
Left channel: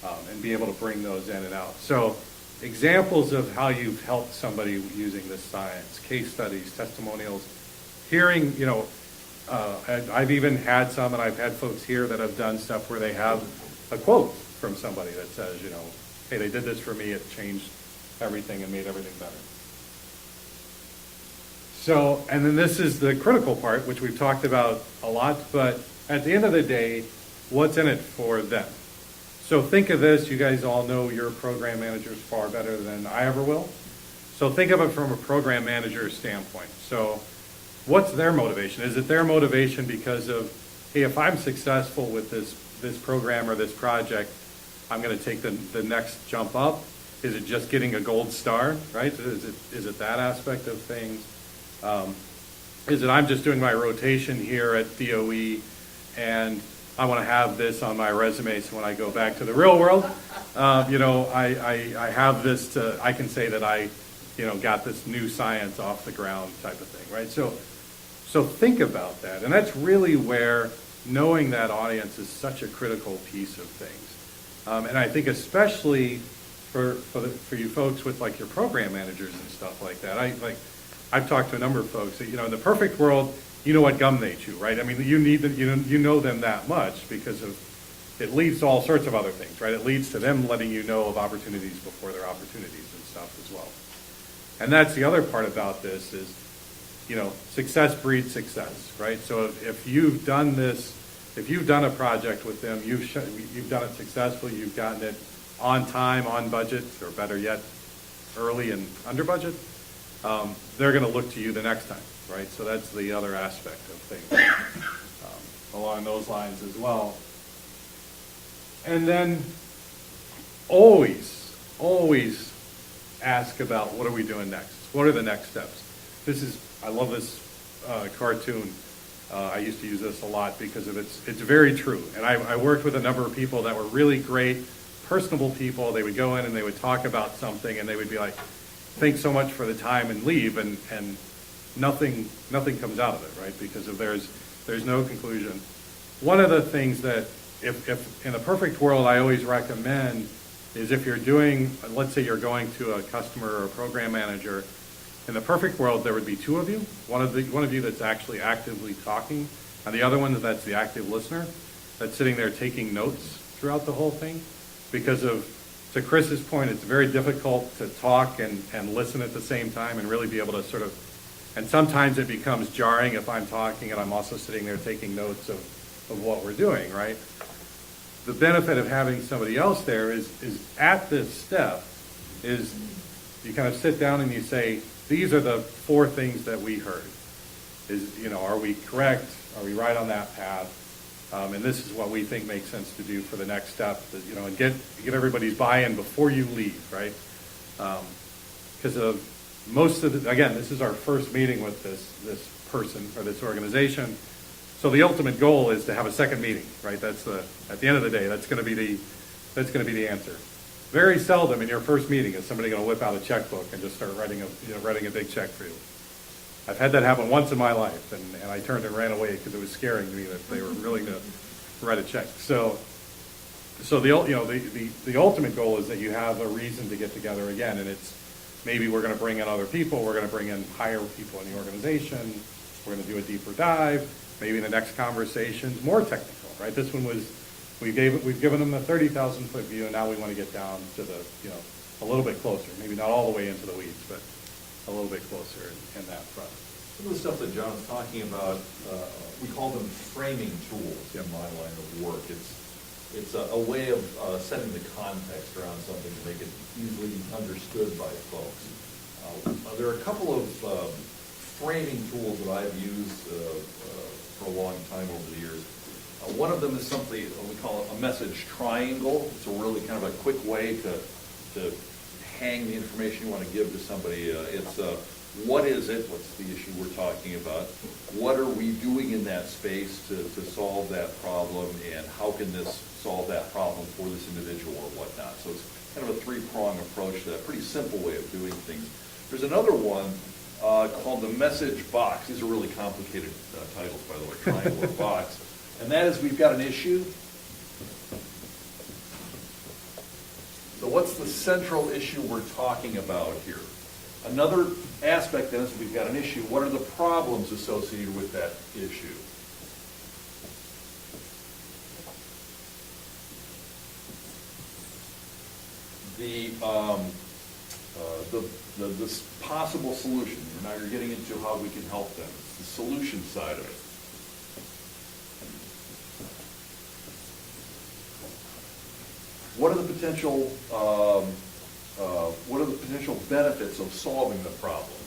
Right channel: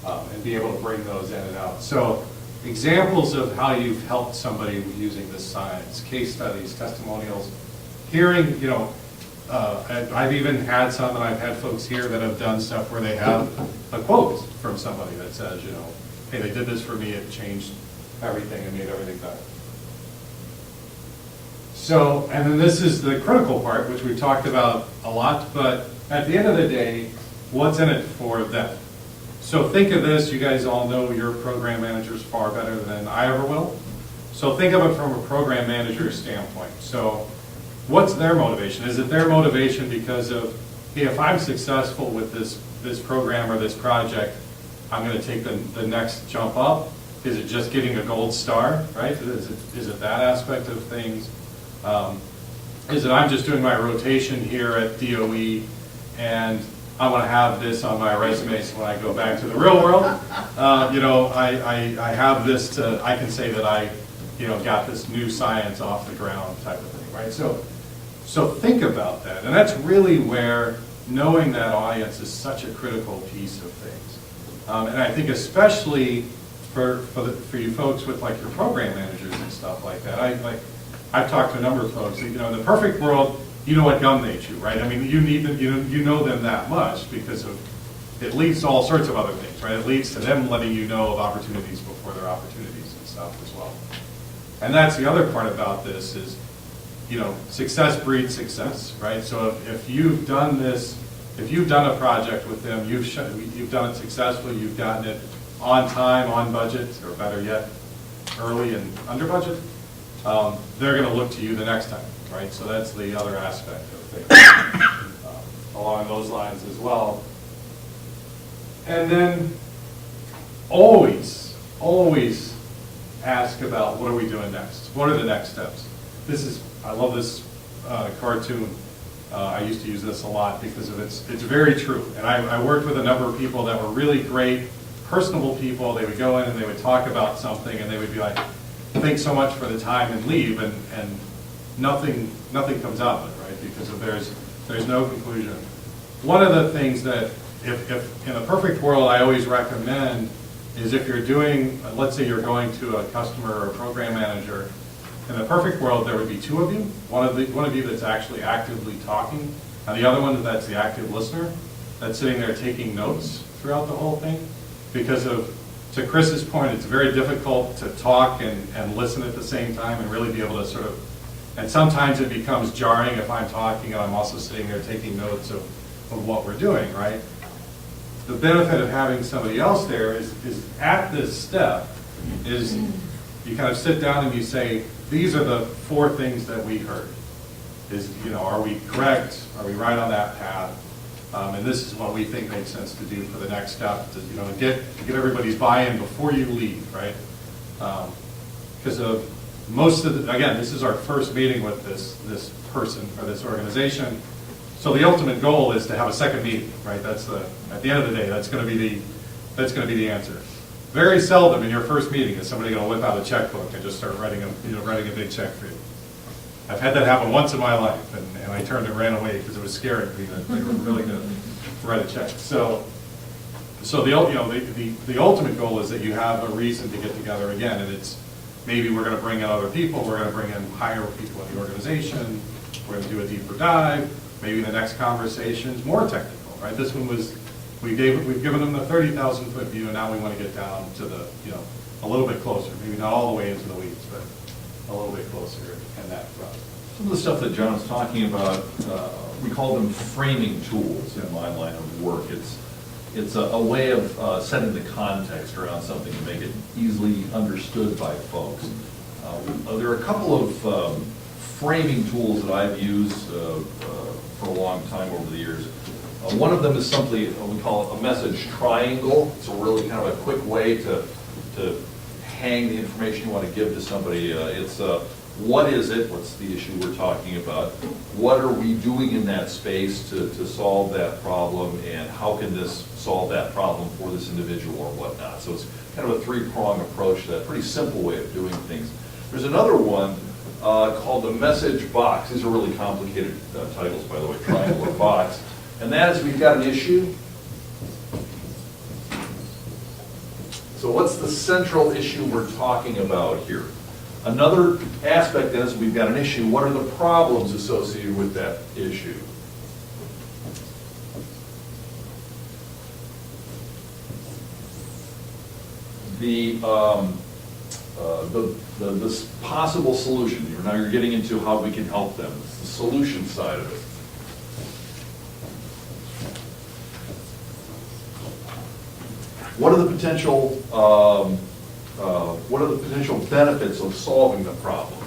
and be able to bring those in and out. So examples of how you've helped somebody using this science, case studies, testimonials, hearing, I've even had some, and I've had folks here that have done stuff where they have a quote from somebody that says, hey, they did this for me, it changed everything and made everything better. So, and then this is the critical part, which we've talked about a lot, but at the end of the day, what's in it for them? So think of this, you guys all know your program managers far better than I ever will. So think of it from a program manager's standpoint. So what's their motivation? Is it their motivation because of, hey, if I'm successful with this program or this project, I'm going to take the next jump up? Is it just getting a gold star, right? Is it that aspect of things? Is it I'm just doing my rotation here at DOE and I want to have this on my resume so when I go back to the real world, I have this I can say that I, got this new science off the ground type of thing, right? So think about that. And that's really where knowing that audience is such a critical piece of things. And I think especially for you folks with like your program managers and stuff like that, I've talked to a number of folks, in the perfect world, you know what gum they chew, right? I mean, you need them, you know them that much because it leads to all sorts of other things, right? It leads to them letting you know of opportunities before there are opportunities and stuff as well. And that's the other part about this is, success breeds success, right? So if you've done this, if you've done a project with them, you've done it successfully, you've gotten it on time, on budget, or better yet, early and under budget, they're going to look to you the next time, right? So that's the other aspect of things along those lines as well. And then always ask about what are we doing next? What are the next steps? I love this cartoon. I used to use this a lot because of it's very true. And I worked with a number of people that were really great personable people. They would go in and they would talk about something, and they would be like, thanks so much for the time, and leave, and nothing comes out of it, right? Because if there's no conclusion. One of the things that, if in a perfect world, I always recommend is if you're doing, let's say you're going to a customer or a program manager, in a perfect world, there would be two of you. One of you that's actually actively talking, and the other one that's the active listener, that's sitting there taking notes throughout the whole thing. Because to Chris's point, it's very difficult to talk and listen at the same time and really be able to sort of, and sometimes it becomes jarring if I'm talking and I'm also sitting there taking notes of what we're doing, right? The benefit of having somebody else there is at this step is you kind of sit down and you say, these are the 4 things that we heard. Are we correct? Are we right on that path? And this is what we think makes sense to do for the next step, to get everybody's buy-in before you leave, right? Because of most of again, this is our first meeting with this person or this organization. So the ultimate goal is to have a second meeting, right? At the end of the day, that's going to be the answer. Very seldom in your first meeting is somebody going to whip out a checkbook and just start writing a big check for you. I've had that happen once in my life, and I turned and ran away because it was scary to me that they were really going to write a check. So the ultimate goal is that you have a reason to get together again, and it's maybe we're going to bring in other people, we're going to bring in higher people in the organization, we're going to do a deeper dive. Maybe the next conversation's more technical, right? This one was we've given them the 30,000 foot view, and now we want to get down to the a little bit closer, maybe not all the way into the weeds, but a little bit closer in that front. Some of the stuff that John's talking about, we call them framing tools in my line of work. It's a way of setting the context around something to make it easily understood by folks. There are a couple of framing tools that I've used for a long time over the years. One of them is simply what we call a message triangle. It's a really kind of a quick way to hang the information you want to give to somebody. It's what is it? What's the issue we're talking about? What are we doing in that space to solve that problem? And how can this solve that problem for this individual or whatnot? So it's kind of a 3-prong approach to that pretty simple way of doing things. There's another one called the message box. These are really complicated titles, by the way, triangle or box. And that is, we've got an issue. So what's the central issue we're talking about here? Another aspect is we've got an issue. What are the problems associated with that issue? The possible solution here. Now you're getting into how we can help them. It's the solution side of it. What are the potential benefits of solving the problem?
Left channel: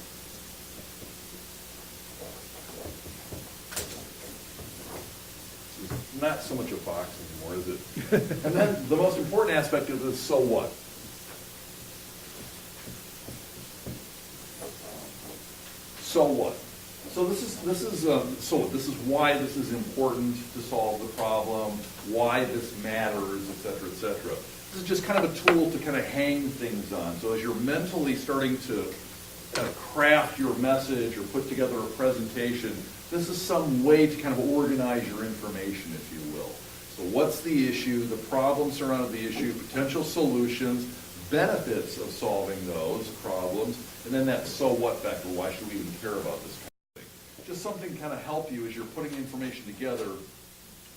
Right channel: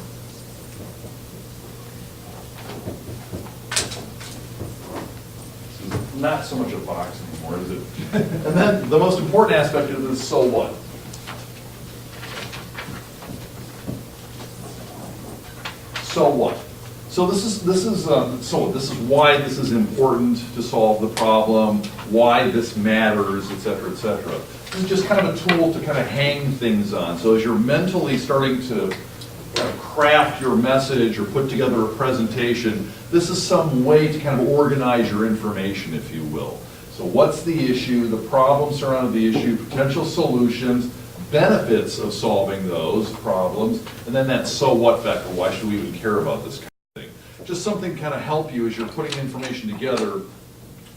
This is not so much a box anymore, is it? And then the most important aspect is the so what. So what? So this is why this is important to solve the problem, why this matters, et cetera, et cetera. This is just kind of a tool to kind of hang things on. So as you're mentally starting to craft your message or put together a presentation, this is some way to kind of organize your information, if you will. So what's the issue, the problem surrounding the issue, potential solutions, benefits of solving those problems, and then that so what factor, why should we even care about this kind of thing? Just something to kind of help you as you're putting information together,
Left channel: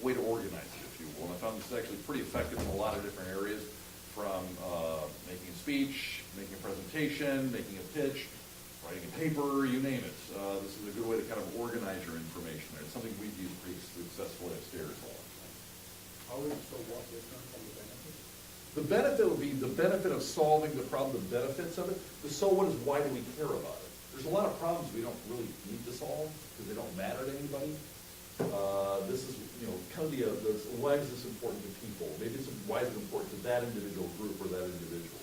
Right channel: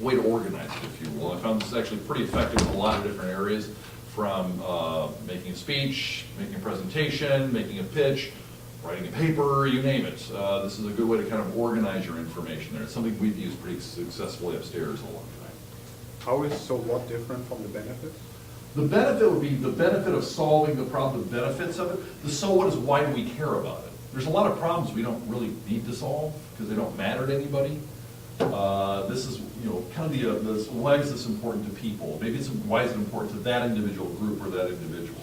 a way to organize it, if you will. I found this is actually pretty effective in a lot of different areas, from making a speech, making a presentation, making a pitch, writing a paper, you name it. This is a good way to kind of organize your information there. It's something we've used pretty successfully upstairs a long time. How is so what different from the benefit? The benefit would be the benefit of solving the problem, the benefits of it. The so what is why do we care about it? There's a lot of problems we don't really need to solve because they don't matter to anybody. This is, kind of the why is this important to people? Maybe it's why is it important to that individual group or that individual?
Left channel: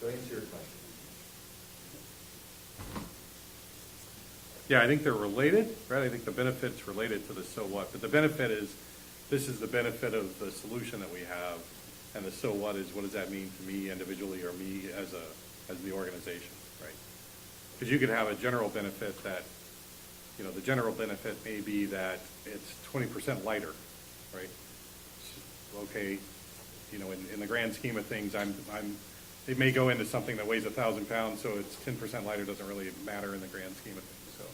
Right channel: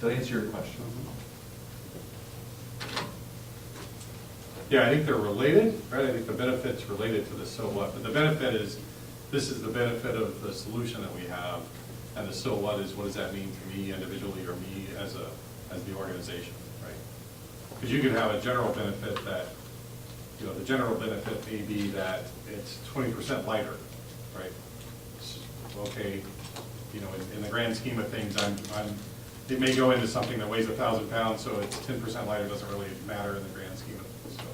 Did I answer your question? Yeah, I think they're related, right? I think the benefit's related to the so what, but the benefit is, this is the benefit of the solution that we have. And the so what is, what does that mean to me individually or me as the organization, right? Because you could have a general benefit that, you know, the general benefit may be that it's 20% lighter, right? Okay, you know, in the grand scheme of things, it may go into something that weighs 1,000 pounds, so it's 10% lighter, doesn't really matter in the grand scheme of things, so.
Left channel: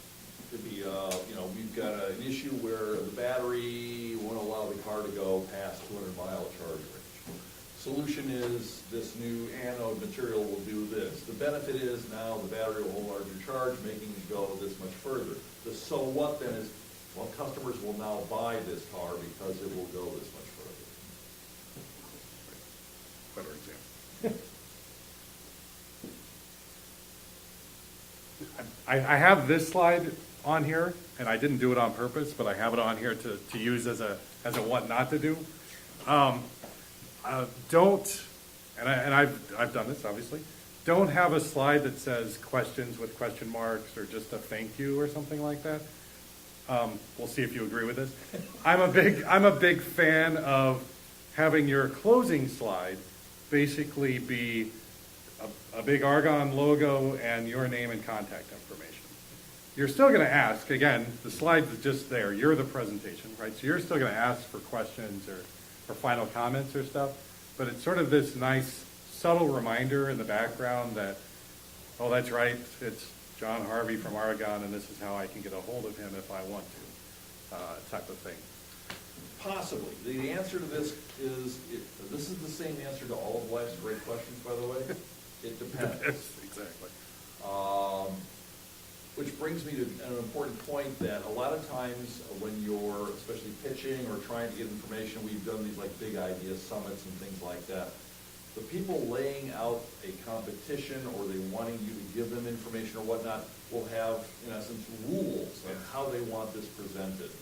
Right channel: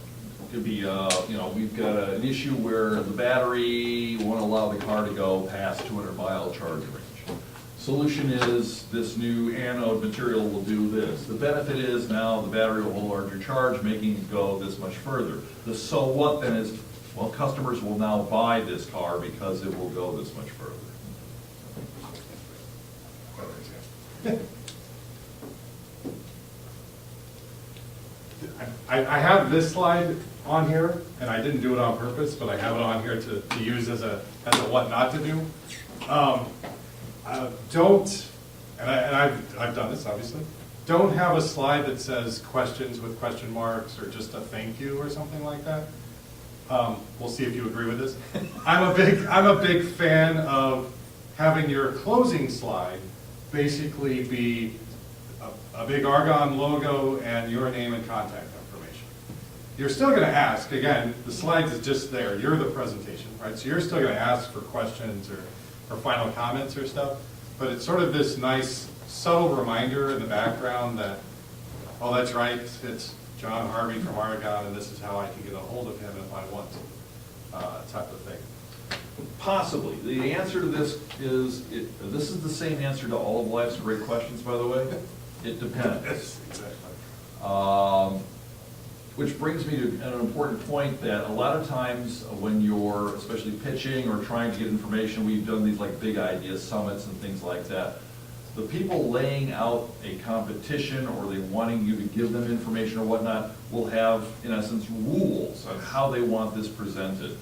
Could be, you know, we've got an issue where the battery won't allow the car to go past 200-mile charge range. Solution is this new anode material will do this. The benefit is now the battery will hold larger charge, making it go this much further. The so what then is, well, customers will now buy this car because it will go this much further. Better example. I have this slide on here, and I didn't do it on purpose, but I have it on here to use as a what not to do. Don't, and I've done this obviously, don't have a slide that says questions with question marks or just a thank you or something like that. We'll see if you agree with this. I'm a big fan of having your closing slide basically be a big Argonne logo and your name and contact information. You're still going to ask, again, the slides is just there, you're the presentation, right? So you're still going to ask for questions or final comments or stuff, but it's sort of this nice subtle reminder in the background that, oh, that's right, it's John Harvey from Argonne, and this is how I can get a hold of him if I want to, type of thing. Possibly. The answer to this is, this is the same answer to all of life's great questions, by the way. It depends. Yes, exactly. Which brings me to an important point that a lot of times when you're especially pitching or trying to get information, we've done these like big idea summits and things like that. The people laying out a competition or they wanting you to give them information or whatnot will have, in essence, rules on how they want this presented.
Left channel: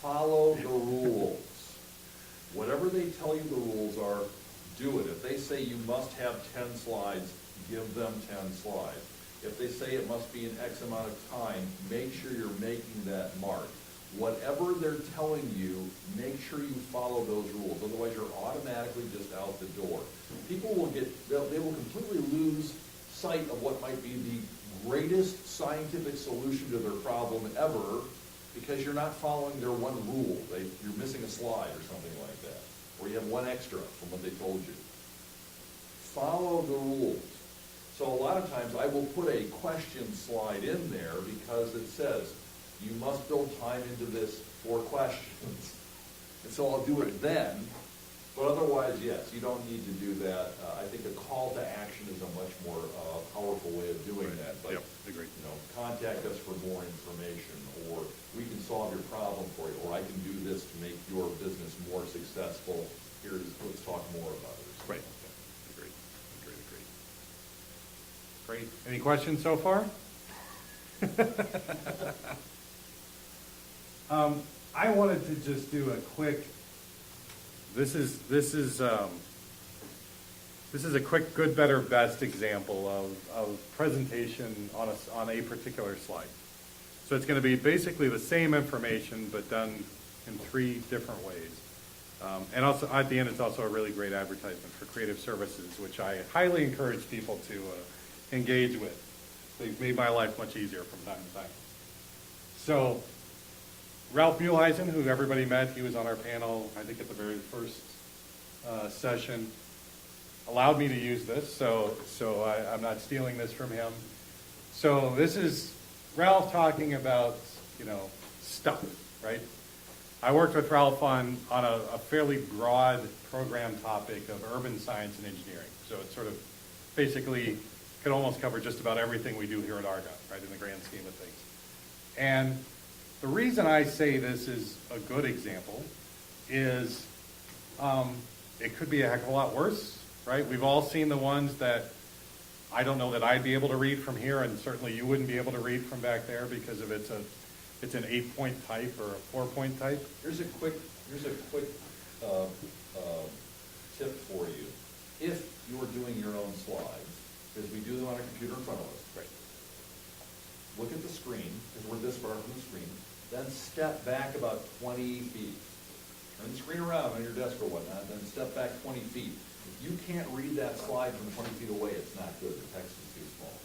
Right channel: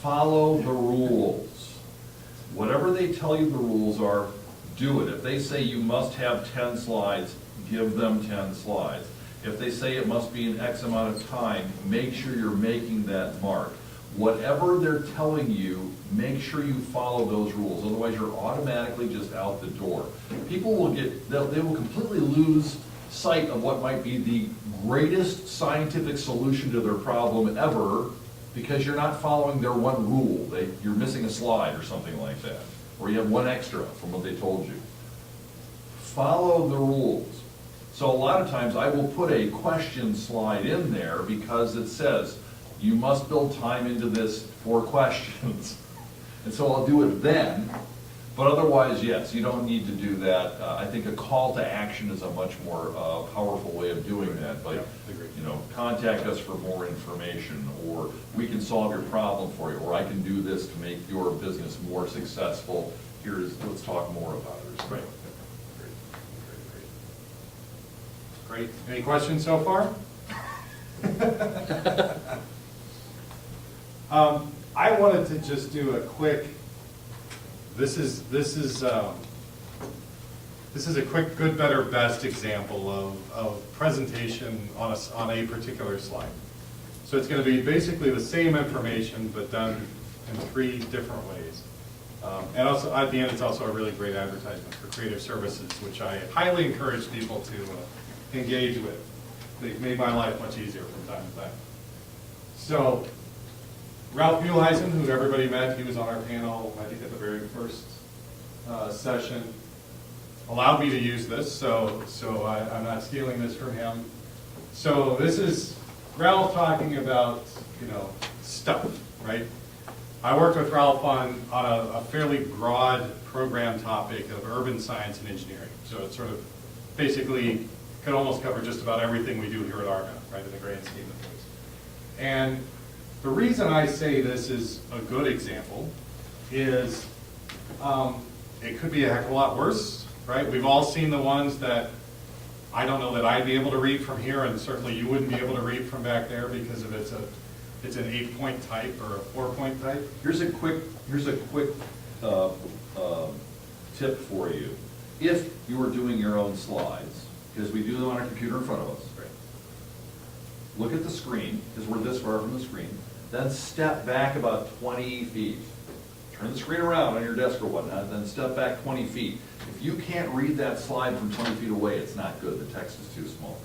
Follow the rules. Whatever they tell you the rules are, do it. If they say you must have 10 slides, give them 10 slides. If they say it must be in X amount of time, make sure you're making that mark. Whatever they're telling you, make sure you follow those rules. Otherwise, you're automatically just out the door. People will they will completely lose sight of what might be the greatest scientific solution to their problem ever because you're not following their one rule. You're missing a slide or something like that, or you have one extra from what they told you. Follow the rules. So a lot of times I will put a question slide in there because it says, you must build time into this for questions. And so I'll do it then, but otherwise, yes, you don't need to do that. I think a call to action is a much more powerful way of doing that. Like, you know, contact us for more information, or we can solve your problem for you, or I can do this to make your business more successful. Let's talk more about it. Right. Great. Any questions so far? I wanted to just do a quick. This is a quick good, better, best example of presentation on a particular slide. So it's going to be basically the same information, but done in 3 different ways. And also at the end, it's also a really great advertisement for creative services, which I highly encourage people to engage with. They've made my life much easier from time to time. So Ralph Muehlheisen, who everybody met, he was on our panel, I think at the very first session, allowed me to use this, so I'm not stealing this from him. So this is Ralph talking about, stuff, right? I worked with Ralph on a fairly broad program topic of urban science and engineering. So it's sort of basically could almost cover just about everything we do here at Argonne, right, in the grand scheme of things. And the reason I say this is a good example is it could be a heck of a lot worse, right? We've all seen the ones that I don't know that I'd be able to read from here, and certainly you wouldn't be able to read from back there because of it's an 8-point type or a 4-point type. Here's a quick tip for you. If you were doing your own slides, because we do them on a computer in front of us, Right. look at the screen, because we're this far from the screen, then step back about 20 feet. turn the screen around on your desk or whatnot, and then step back 20 feet. If you can't read that slide from 20 feet away, it's not good, the text is too small.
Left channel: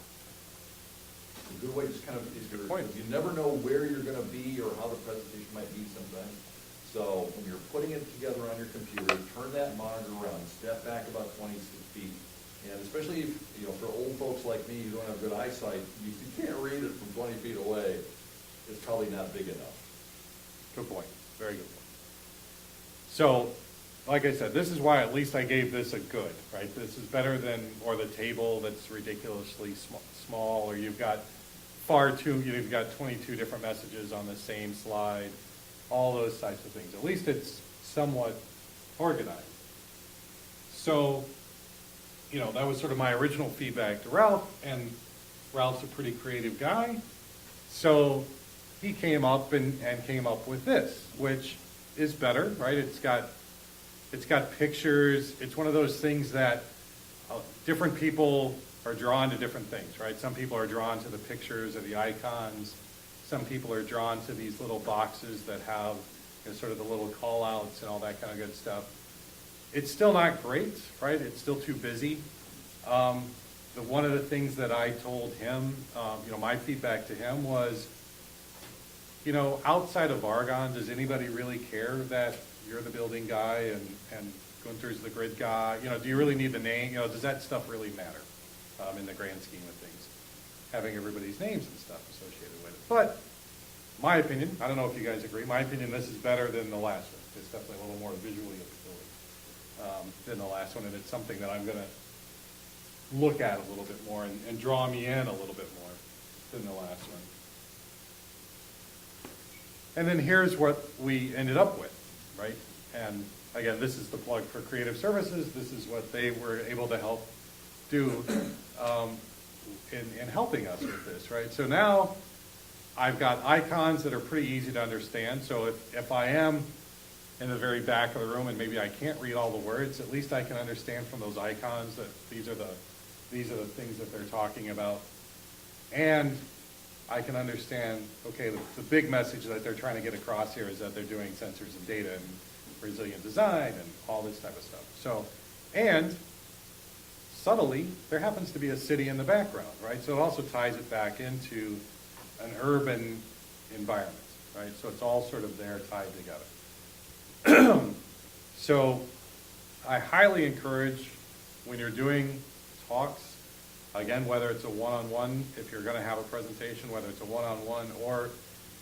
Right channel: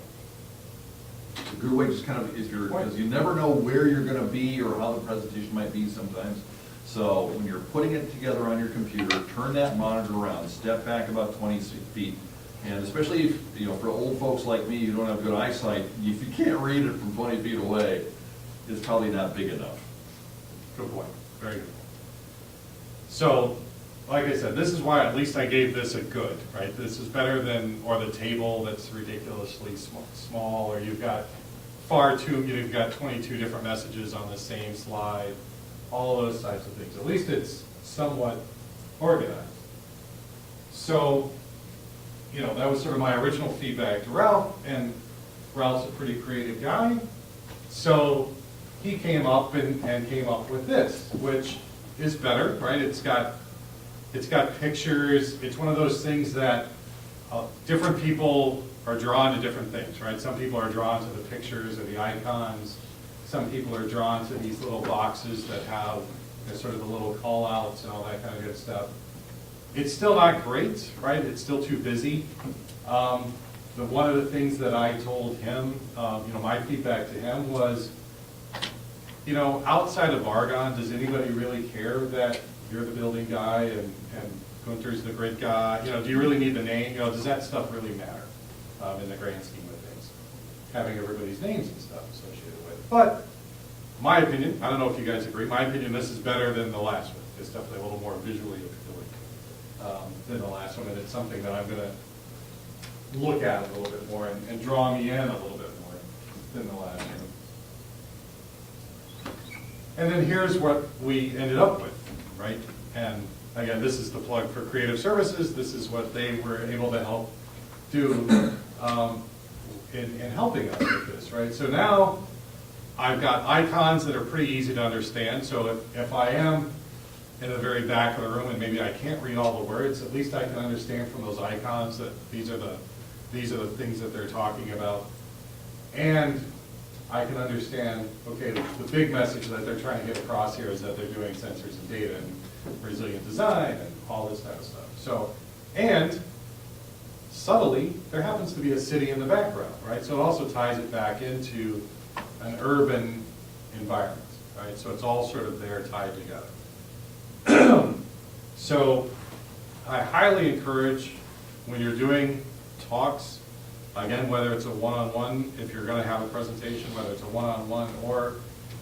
A good way just kind of, because you never know where you're gonna be or how the presentation might be sometimes. So when you're putting it together on your computer, turn that monitor around, step back about 20 feet. And especially if, you know, for old folks like me, you don't have good eyesight, if you can't read it from 20 feet away, it's probably not big enough. Good point, very good. So, like I said, this is why at least I gave this a good, right? This is better than, or the table that's ridiculously small, or you've got you've got 22 different messages on the same slide, all those types of things. At least it's somewhat organized. So, you know, that was sort of my original feedback to Ralph, and Ralph's a pretty creative guy. So he came up and came up with this, which is better, right? It's got pictures. It's one of those things that different people are drawn to different things, right? Some people are drawn to the pictures or the icons. Some people are drawn to these little boxes that have, you know, sort of the little call outs and all that kind of good stuff. It's still not great, right? It's still too busy. One of the things that I told him, you know, my feedback to him was, you know, outside of Argonne, does anybody really care that you're the building guy and Gunther's the grid guy? You know, do you really need the name? You know, does that stuff really matter in the grand scheme of things? Having everybody's names and stuff associated with it. But my opinion, I don't know if you guys agree, my opinion, this is better than the last one. It's definitely a little more visually appealing than the last one, and it's something that I'm gonna look at a little bit more and draw me in a little bit more than the last one. And then here's what we ended up with, right? And again, this is the plug for Creative Services. This is what they were able to help do in helping us with this, right? So now I've got icons that are pretty easy to understand. So if I am in the very back of the room and maybe I can't read all the words, at least I can understand from those icons that these are the things that they're talking about. And I can understand, okay, the big message that they're trying to get across here is that they're doing sensors and data and resilient design and all this type of stuff. So, and subtly, there happens to be a city in the background, right? So it also ties it back into an urban environment, right? So it's all sort of there tied together. So I highly encourage when you're doing talks, again, whether it's a one-on-one, if you're going to have a presentation, whether it's a one-on-one or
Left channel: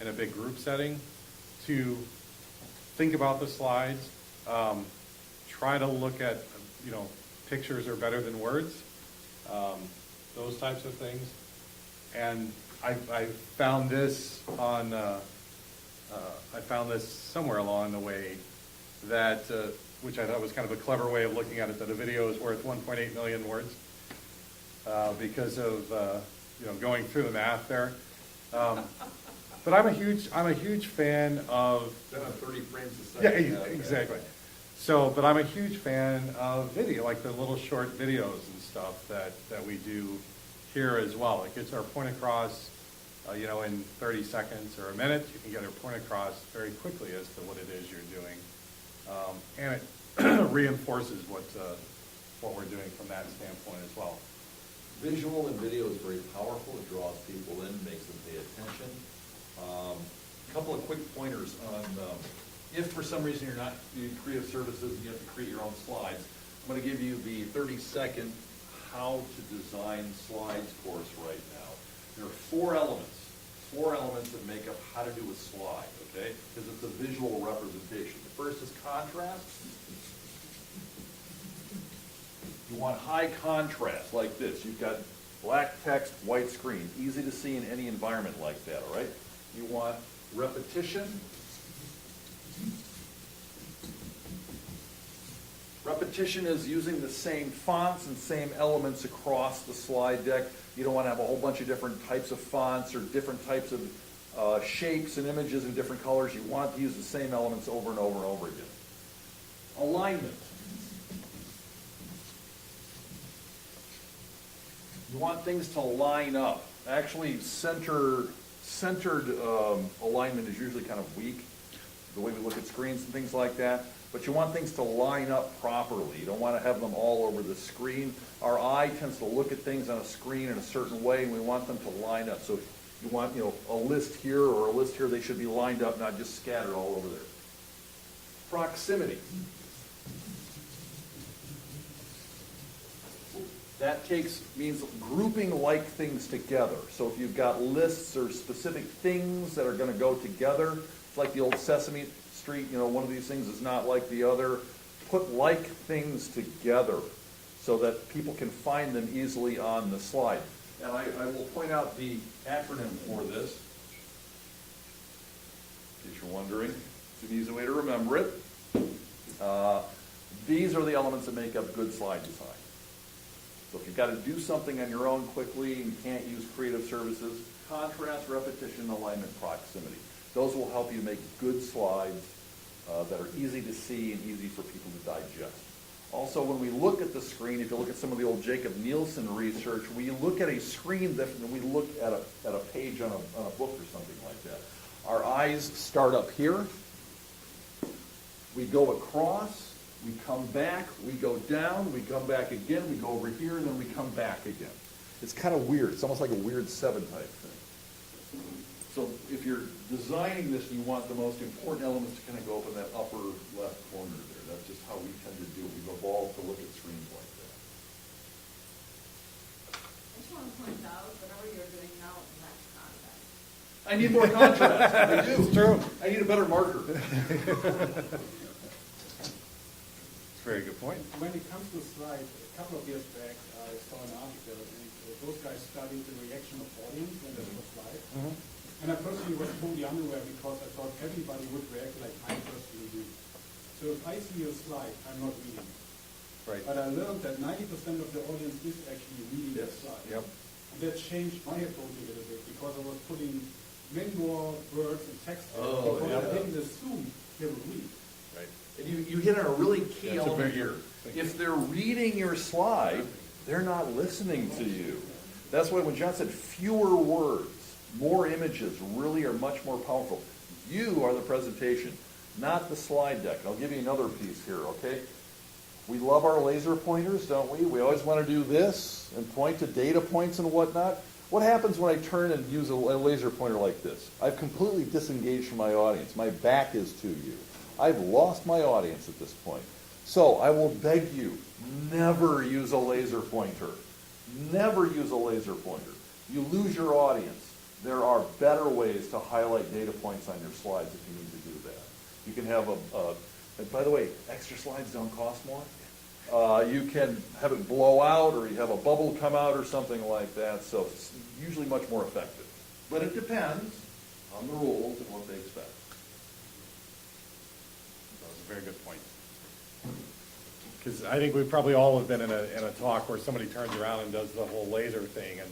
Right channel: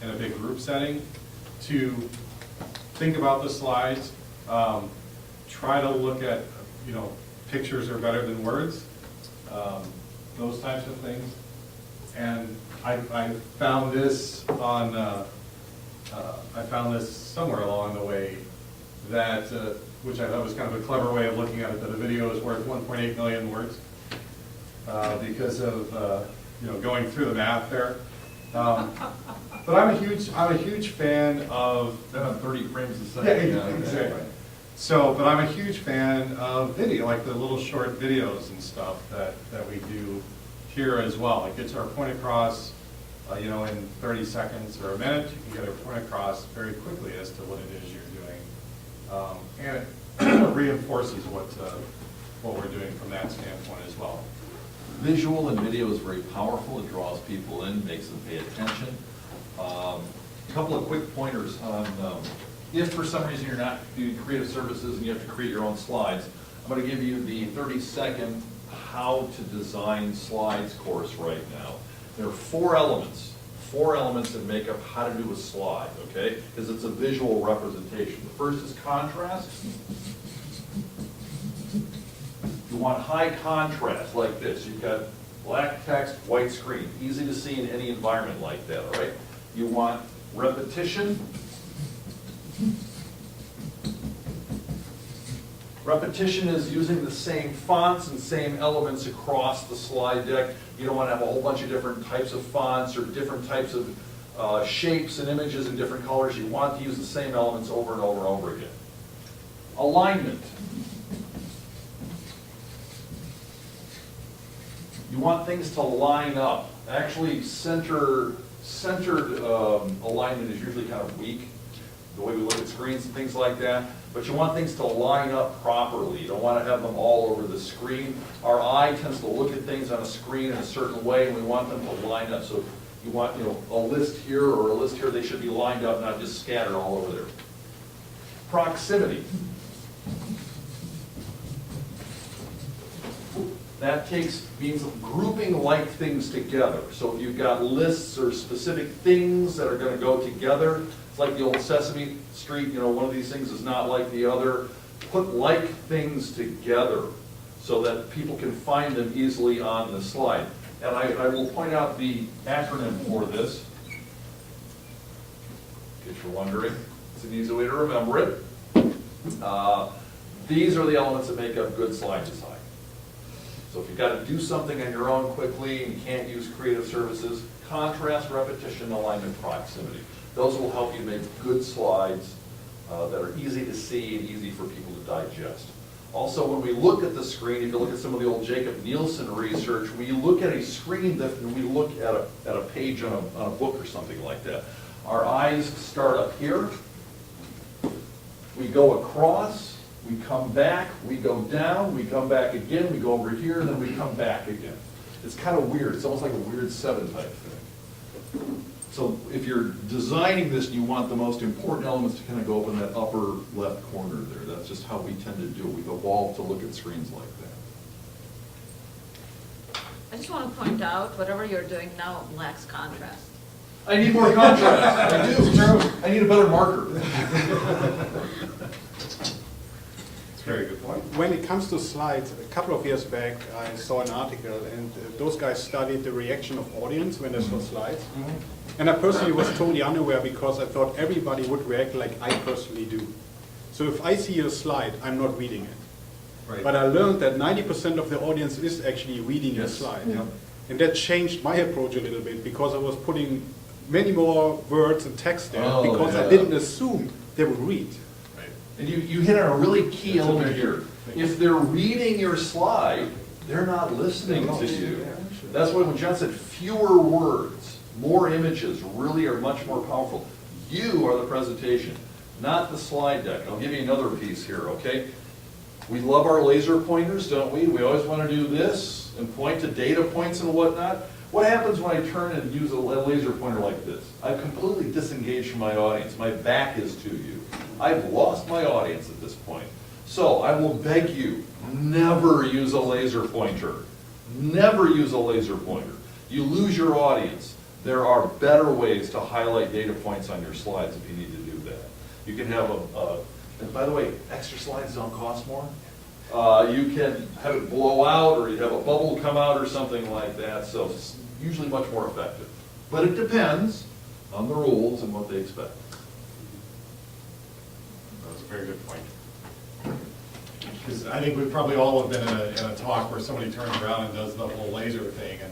in a big group setting, to think about the slides, try to look at, you know, pictures are better than words, those types of things. And I found this on, I found this somewhere along the way that, which I thought was kind of a clever way of looking at it, that a video is worth 1.8 million words. Because of you know, going through the math there, but I'm a huge fan of 30 frames a second. yeah, exactly. So, but I'm a huge fan of video, like the little short videos and stuff that we do here as well. It gets our point across, you know, in 30 seconds or a minute. You can get our point across very quickly as to what it is you're doing, and it reinforces what we're doing from that standpoint as well. Visual and video is very powerful. It draws people in, makes them pay attention. A couple of quick pointers on if for some reason you're not doing Creative Services and you have to create your own slides, I'm going to give you the 30-second how to design slides course right now. There are four elements that make up how to do a slide, okay? Because it's a visual representation. The first is contrast. You want high contrast like this. You've got black text, white screen. Easy to see in any environment like that, all right? You want repetition. Repetition is using the same fonts and same elements across the slide deck. You don't want to have a whole bunch of different types of fonts or different types of shapes and images in different colors. You want to use the same elements over and over and over again. Alignment. You want things to line up. Actually, centered alignment is usually kind of weak. the way we look at screens and things like that, but you want things to line up properly. You don't want to have them all over the screen. Our eye tends to look at things on a screen in a certain way, and we want them to line up. So you want, a list here or a list here, they should be lined up, not just scattered all over there. Proximity. That means grouping like things together. So if you've got lists or specific things that are going to go together, it's like the old Sesame Street, one of these things is not like the other. Put like things together so that people can find them easily on the slide. And I will point out the acronym for this, in case you're wondering. It's an easy way to remember it. These are the elements that make up good slide design. So if you've got to do something on your own quickly and you can't use creative services, contrast, repetition, alignment, proximity. Those will help you make good slides that are easy to see and easy for people to digest. Also, when we look at the screen, if you look at some of the old Jacob Nielsen research, we look at a screen that we look at a page on a book or something like that. Our eyes start up here. We go across. We come back, we go down, we come back again, we go over here, and then we come back again. It's kind of weird. It's almost like a weird 7 type thing. So if you're designing this and you want the most important elements to kind of go up in that upper left corner there, that's just how we tend to do it. We've evolved to look at screens like that. I just want to point out, whatever you're doing now lacks contrast. I need more contrast. I do. I need a better marker. Very good point. When it comes to slides, a couple of years back, I saw an article, and those guys studied the reaction of audience when they saw slides. And I personally was totally unaware because I thought everybody would react like I personally do. So if I see a slide, I'm not reading it. Right. But I learned that 90% of the audience is actually reading the Yes. slide. Yeah. And that changed my approach a little bit because I was putting many more words and text there Oh, because yeah. I didn't assume they would read. Right. And you hit on a really key element here. If they're reading your slide, they're not listening to you. That's why when John said fewer words, more images really are much more powerful. You are the presentation, not the slide deck. I'll give you another piece here, okay? We love our laser pointers, don't we? We always want to do this and point to data points and whatnot. What happens when I turn and use a laser pointer like this? I've completely disengaged from my audience. My back is to you. I've lost my audience at this point. So I will beg you, never use a laser pointer. Never use a laser pointer. You lose your audience. There are better ways to highlight data points on your slides if you need to do that. You can have and by the way, extra slides don't cost more. You can have it blow out, or you have a bubble come out or something like that, so it's usually much more effective. But it depends on the rules and what they expect. That's a very good point. Because I think we probably all have been in a talk where somebody turns around and does the whole laser thing, and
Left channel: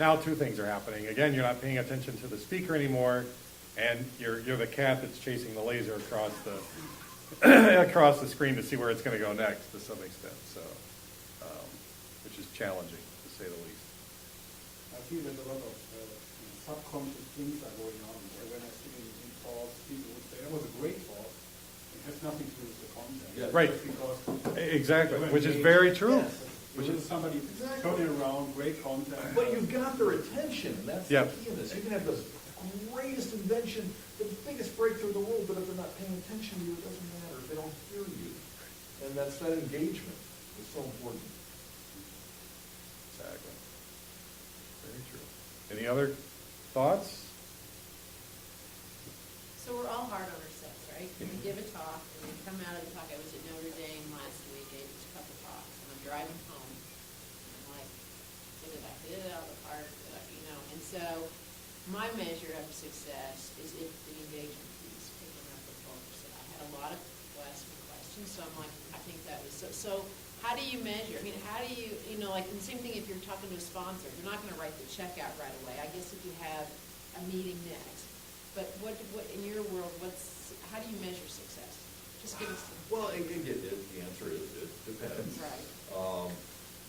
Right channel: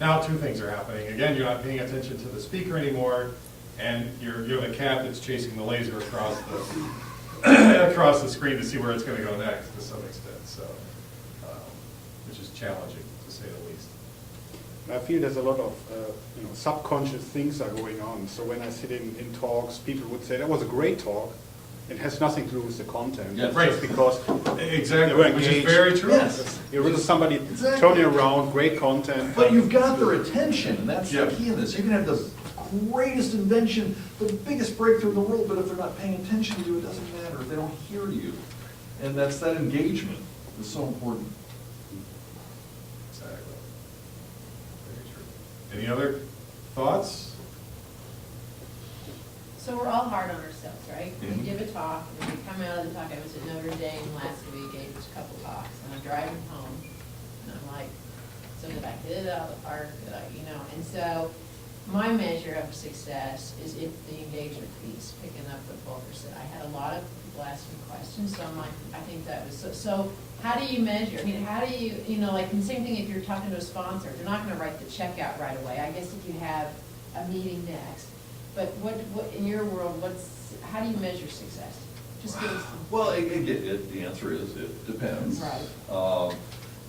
now two things are happening. Again, you're not paying attention to the speaker anymore, and you're the cat that's chasing the laser across the across the screen to see where it's going to go next to some extent. So, which is challenging to say the least. I feel there's a lot of subconscious things are going on. So when I sit in talks, people would say, that was a great talk. It has nothing to do with the content. Yes. Right. Just because Exactly, they were which is engaged. very true. Yes. You're with somebody Exactly. turning around, great content. But you've got their attention, and that's Yeah. the key in this. You can have the greatest invention, the biggest breakthrough in the world, but if they're not paying attention to you, it doesn't matter. If they don't hear you. And that's that engagement is so important. Exactly. Very true. Any other thoughts? So we're all hard on ourselves, right? Mhm. We give a talk, and we come out of the talk, I was at Notre Dame last week, gave a couple talks, and I'm driving home, and I'm like, so did I hit it out of the park, and so my measure of success is if the engagement piece, picking up what Volker said. I had a lot of people ask me questions, so I'm like, I think that was, so how do you measure? I mean, how do you, like, the same thing if you're talking to a sponsor, they're not gonna write the check out right away. I guess if you have a meeting next. But what in your world, how do you measure success? Just give us some. Well, the answer is it depends. Right.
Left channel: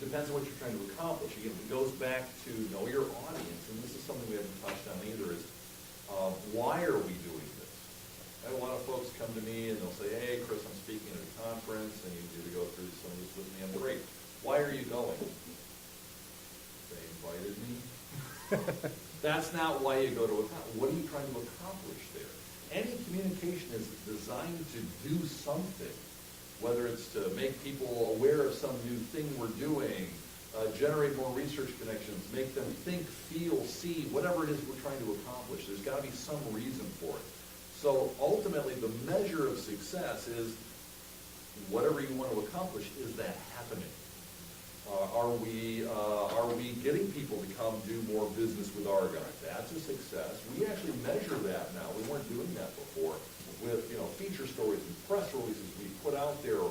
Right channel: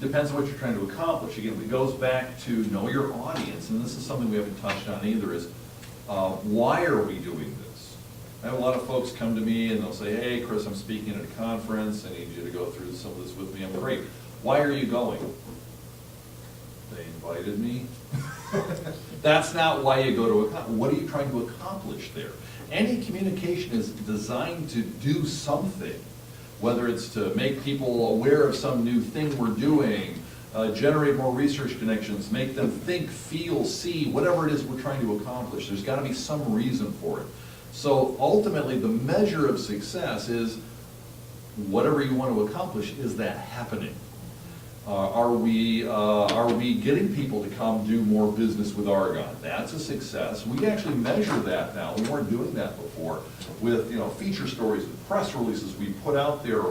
Depends on what you're trying to accomplish. Again, it goes back to know your audience, and this is something we haven't touched on either, is why are we doing this? I have a lot of folks come to me and they'll say, hey, Chris, I'm speaking at a conference, I need you to go through some of this with me. I'm great. Why are you going? They invited me. That's not why you go to a con. What are you trying to accomplish there? Any communication is designed to do something, whether it's to make people aware of some new thing we're doing, generate more research connections, make them think, feel, see, whatever it is we're trying to accomplish. There's got to be some reason for it. So ultimately, the measure of success is whatever you want to accomplish, is that happening? Are we getting people to come do more business with Argonne? That's a success. We actually measure that now. We weren't doing that before with, you know, feature stories, with press releases we put out there,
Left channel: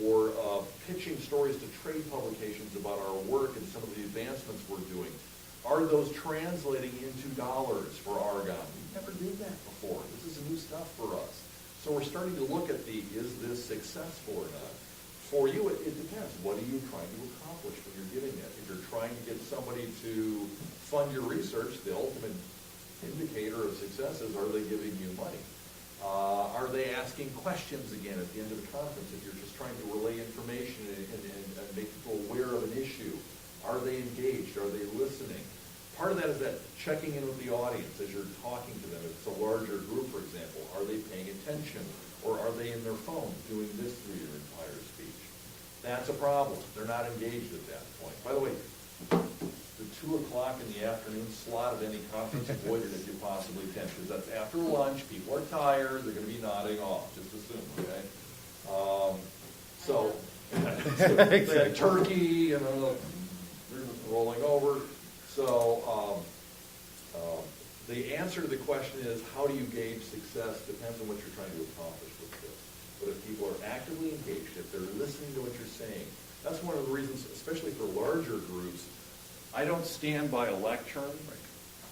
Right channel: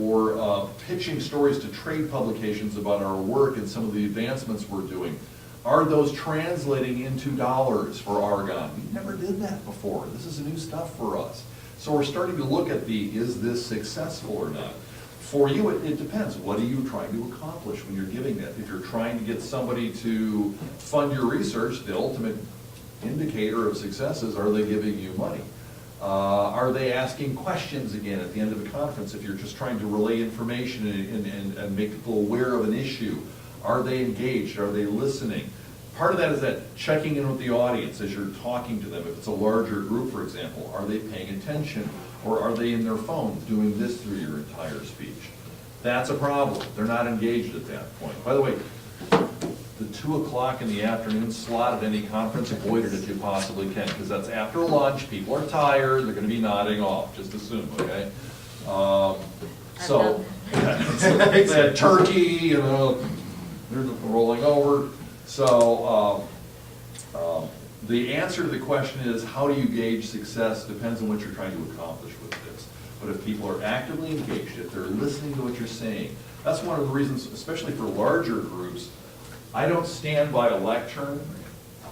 or pitching stories to trade publications about our work and some of the advancements we're doing. Are those translating into dollars for Argonne? We never did that before. This is new stuff for us. So we're starting to look at is this successful or not? For you, it depends. What are you trying to accomplish when you're giving that? If you're trying to get somebody to fund your research, the ultimate indicator of success is, are they giving you money? Are they asking questions again at the end of the conference if you're just trying to relay information and make people aware of an issue? Are they engaged? Are they listening? Part of that is that checking in with the audience as you're talking to them. If it's a larger group, for example, are they paying attention? Or are they in their phones doing this through your entire speech? That's a problem. They're not engaged at that point. By the way, the 2 o'clock in the afternoon slot at any conference, avoid it if you possibly can, because that's after lunch. People are tired. They're going to be nodding off. Just assume, okay? So, they had turkey, you know, they're rolling over. So, the answer to the question is, how do you gauge success? Depends on what you're trying to accomplish with this. But if people are actively engaged, if they're listening to what you're saying, that's one of the reasons, especially for larger groups, I don't stand by a lectern.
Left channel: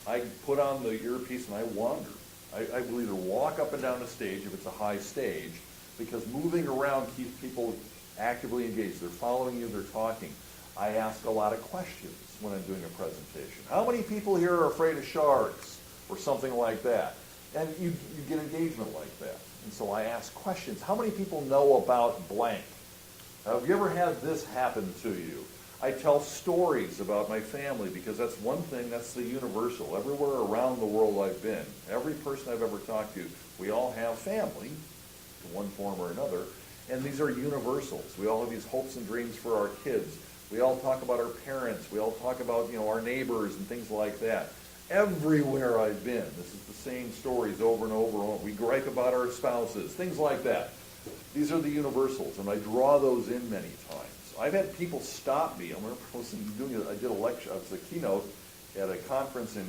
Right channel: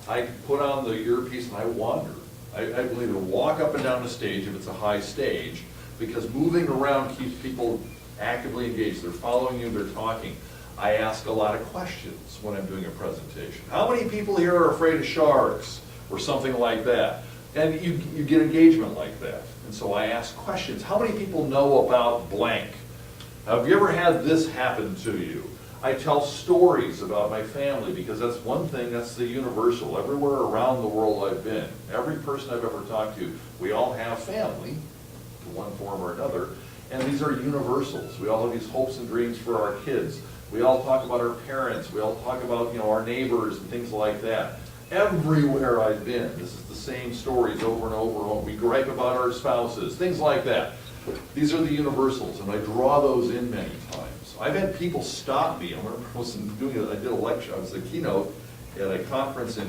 I put on the earpiece and I wander. I will either walk up and down the stage if it's a high stage, because moving around keeps people actively engaged. They're following you, they're talking. I ask a lot of questions when I'm doing a presentation. How many people here are afraid of sharks? Or something like that. And you get engagement like that. And so I ask questions. How many people know about blank? Have you ever had this happen to you? I tell stories about my family, because that's one thing, that's the universal. Everywhere around the world I've been, every person I've ever talked to, we all have family, in one form or another, and these are universals. We all have these hopes and dreams for our kids. We all talk about our parents. We all talk about, you know, our neighbors and things like that. Everywhere I've been, this is the same stories over and over and over. We gripe about our spouses, things like that. These are the universals, and I draw those in many times. I've had people stop me. I did a lecture, I was a keynote at a conference in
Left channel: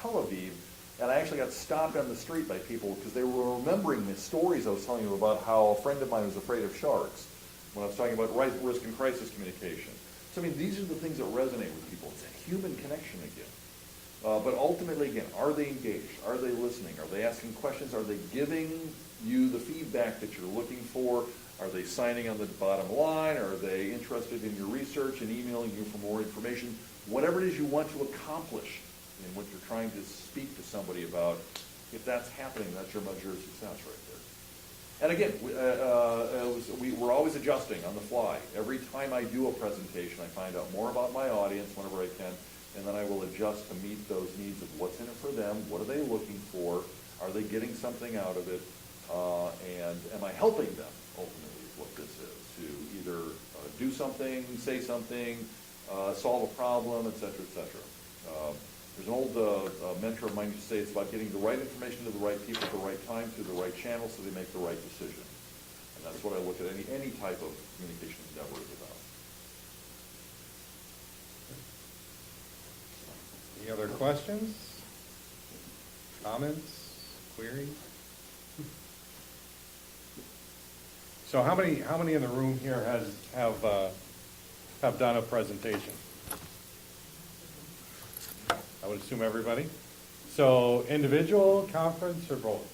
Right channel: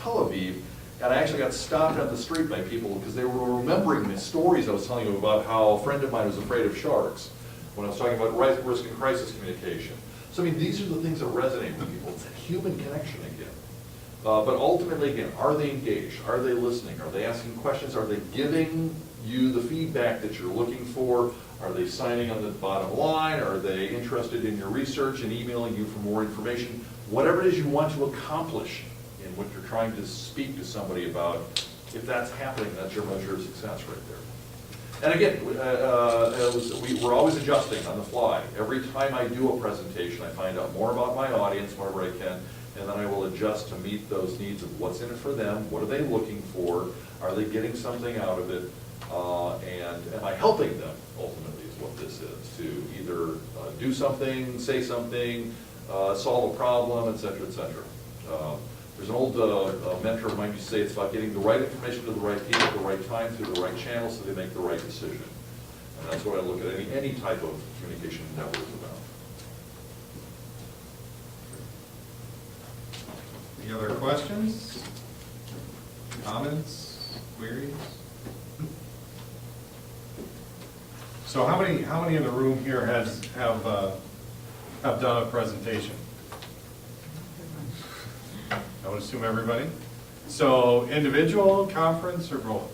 Tel Aviv, and I actually got stopped on the street by people because they were remembering the stories I was telling you about how a friend of mine was afraid of sharks when I was talking about risk and crisis communication. So I mean, these are the things that resonate with people. It's that human connection again. But ultimately, again, are they engaged? Are they listening? Are they asking questions? Are they giving you the feedback that you're looking for? Are they signing on the bottom line? Are they interested in your research and emailing you for more information? Whatever it is you want to accomplish in what you're trying to speak to somebody about, if that's happening, that's your measure of success right there. And again, we're always adjusting on the fly. Every time I do a presentation, I find out more about my audience wherever I can, and then I will adjust to meet those needs of what's in it for them, what are they looking for, are they getting something out of it, and am I helping them, ultimately, is what this is, to either do something, say something, solve a problem, et cetera, et cetera. There's an old mentor of mine used to say it's about getting the right information to the right people at the right time through the right channels so they make the right decision. And that's what I look at any type of communication network about. Any other questions, comments, queries? So how many in the room here have done a presentation? I would assume everybody. So individual, conference, or both?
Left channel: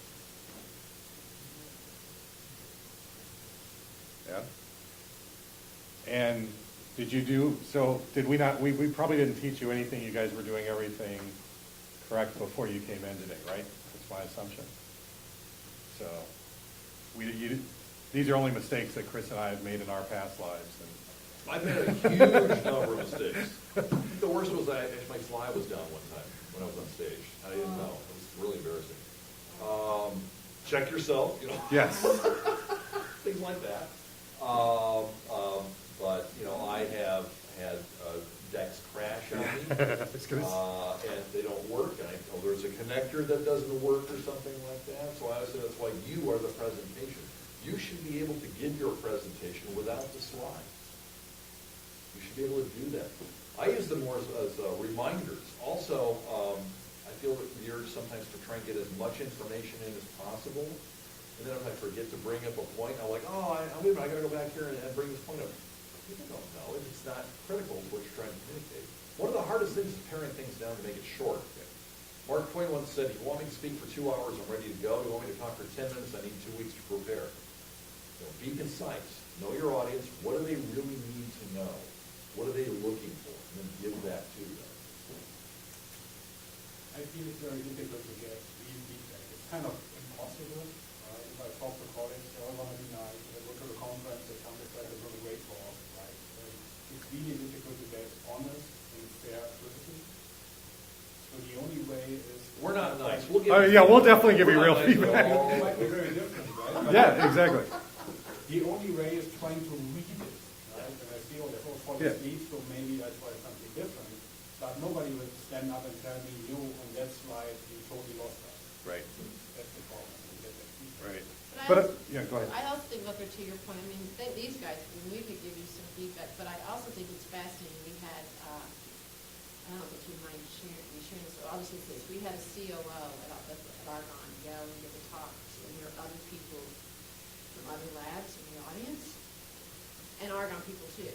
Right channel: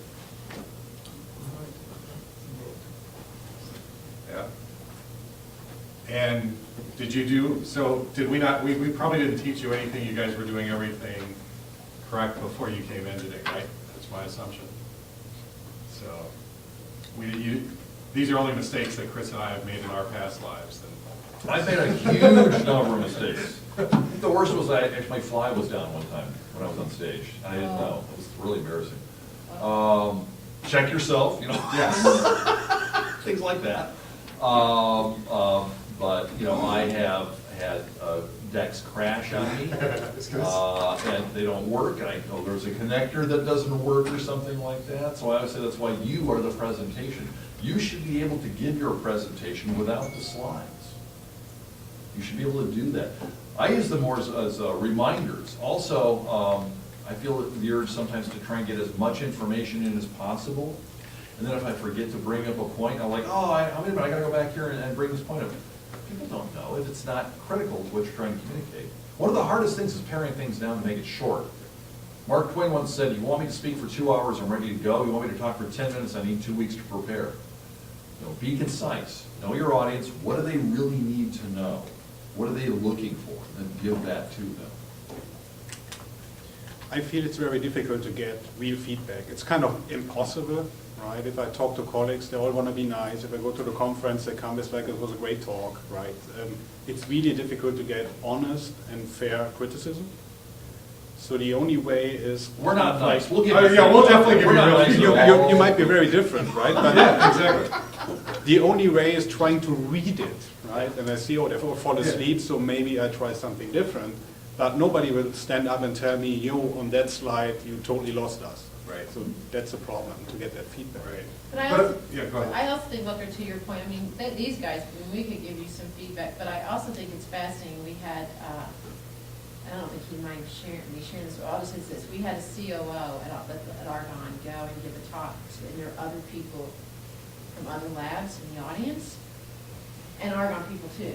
Yeah. And did you do, so did we not, we probably didn't teach you anything, you guys were doing everything correct before you came in today, right? That's my assumption. So, these are only mistakes that Chris and I have made in our past lives. And I've made a huge number of mistakes. The worst was my fly was down one time when I was on stage. I didn't know. It was really embarrassing. Check yourself, you know. Yes. Things like that. But, you know, I have had decks crash on me. And they don't work, and I know there's a connector that doesn't work or something like that. So I always say that's why you are the presentation. You should be able to give your presentation without the slides. You should be able to do that. I use them more as reminders. Also, I feel the urge sometimes to try and get as much information in as possible. And then if I forget to bring up a point, I'm like, oh, I gotta go back here and bring this point up. People don't know if it's not critical to what you're trying to communicate. One of the hardest things is paring things down to make it short. Mark Twain once said, you want me to speak for 2 hours, I'm ready to go. You want me to talk for 10 minutes, I need 2 weeks to prepare. You know, be concise. Know your audience. What do they really need to know? What are they looking for? And then give that to them. I feel it's very difficult to get real feedback. It's kind of impossible, right? If I talk to colleagues, they all want to be nice. If I go to the conference, they come back, it was a great talk, right? It's really difficult to get honest and fair criticism. So the only way is... We're not nice. We'll yeah, we'll definitely give you real nice. feedback. You might be very different, right? But Yeah, exactly. the only way is trying to read it, right? And I see, oh, they fall asleep, so maybe I try something different. But nobody will stand up and tell me, yo, on that slide, you totally lost us. Right. So that's a problem, to get that feedback. Right. But I But, also, yeah, go ahead. I also think, Booker, to your point, I mean, these guys, I mean, we could give you some feedback, but I also think it's fascinating. We had, I don't think you mind sharing this, but I'll just say this, we had a COO at Argonne go and give a talk, and there are other people from other labs in the audience, and Argonne people too.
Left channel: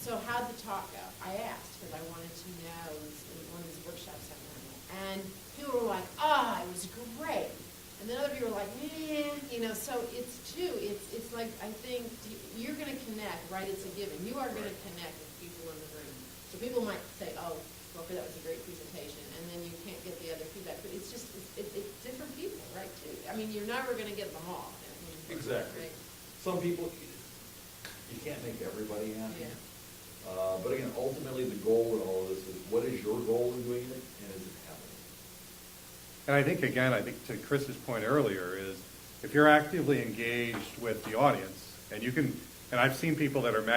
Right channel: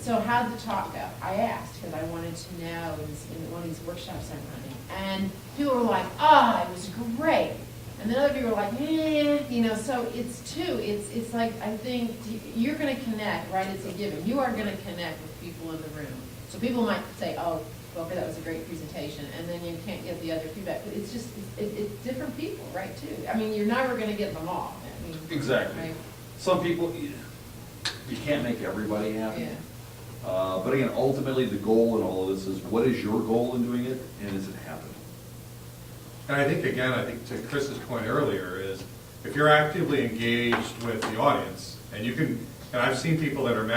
So how did the talk go? I asked, because I wanted to know in one of these workshops I'm running, and people were like, it was great. And then other people were like, you know, so it's it's like, I think you're gonna connect, right? It's a given. You are gonna connect with people in the room. So people might say, oh, Booker, that was a great presentation, and then you can't get the other feedback. But it's just, it's different people, right, too? I mean, you're never gonna get them all. I mean, Exactly. right? Some people, you can't make everybody happy. Yeah. But again, ultimately, the goal in all of this is, what is your goal in doing it, and is it happening? And I think, again, to Chris's point earlier is, if you're actively engaged with the audience, and you can, and I've seen people that are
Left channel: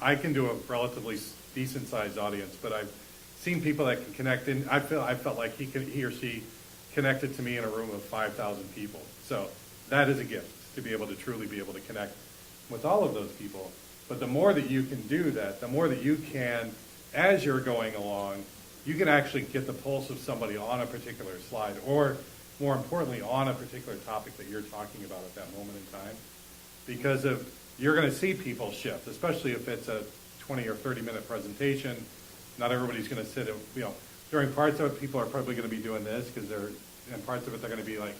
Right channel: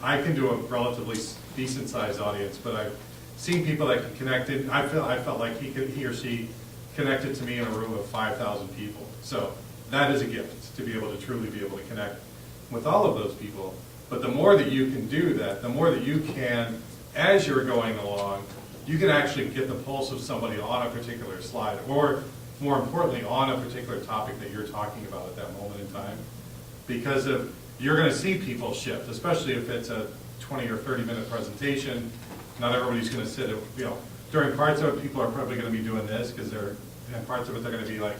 I can do a relatively decent sized audience, but I've seen people that can connect in. I felt like he or she connected to me in a room of 5,000 people. So that is a gift, to be able to truly be able to connect with all of those people. But the more that you can do that, the more that you can, as you're going along, you can actually get the pulse of somebody on a particular slide, or more importantly, on a particular topic that you're talking about at that moment in time. Because you're going to see people shift, especially if it's a 20 or 30-minute presentation. Not everybody's going to sit, during parts of it, people are probably going to be doing this, and parts of it, they're going to be like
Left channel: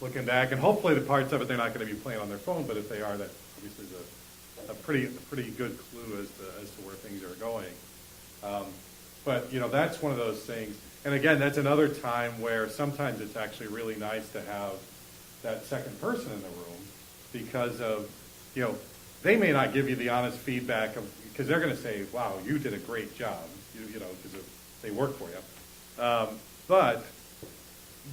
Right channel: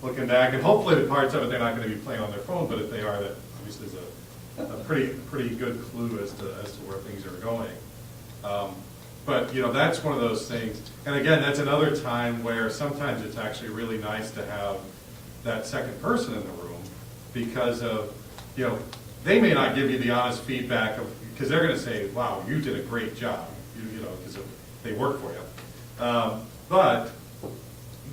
looking back, and hopefully the parts of it, they're not going to be playing on their phone, but if they are, that obviously is a pretty good clue as to where things are going. But that's one of those things. And again, that's another time where sometimes it's actually really nice to have that second person in the room, because of, they may not give you the honest feedback because they're going to say, wow, you did a great job, because they work for you.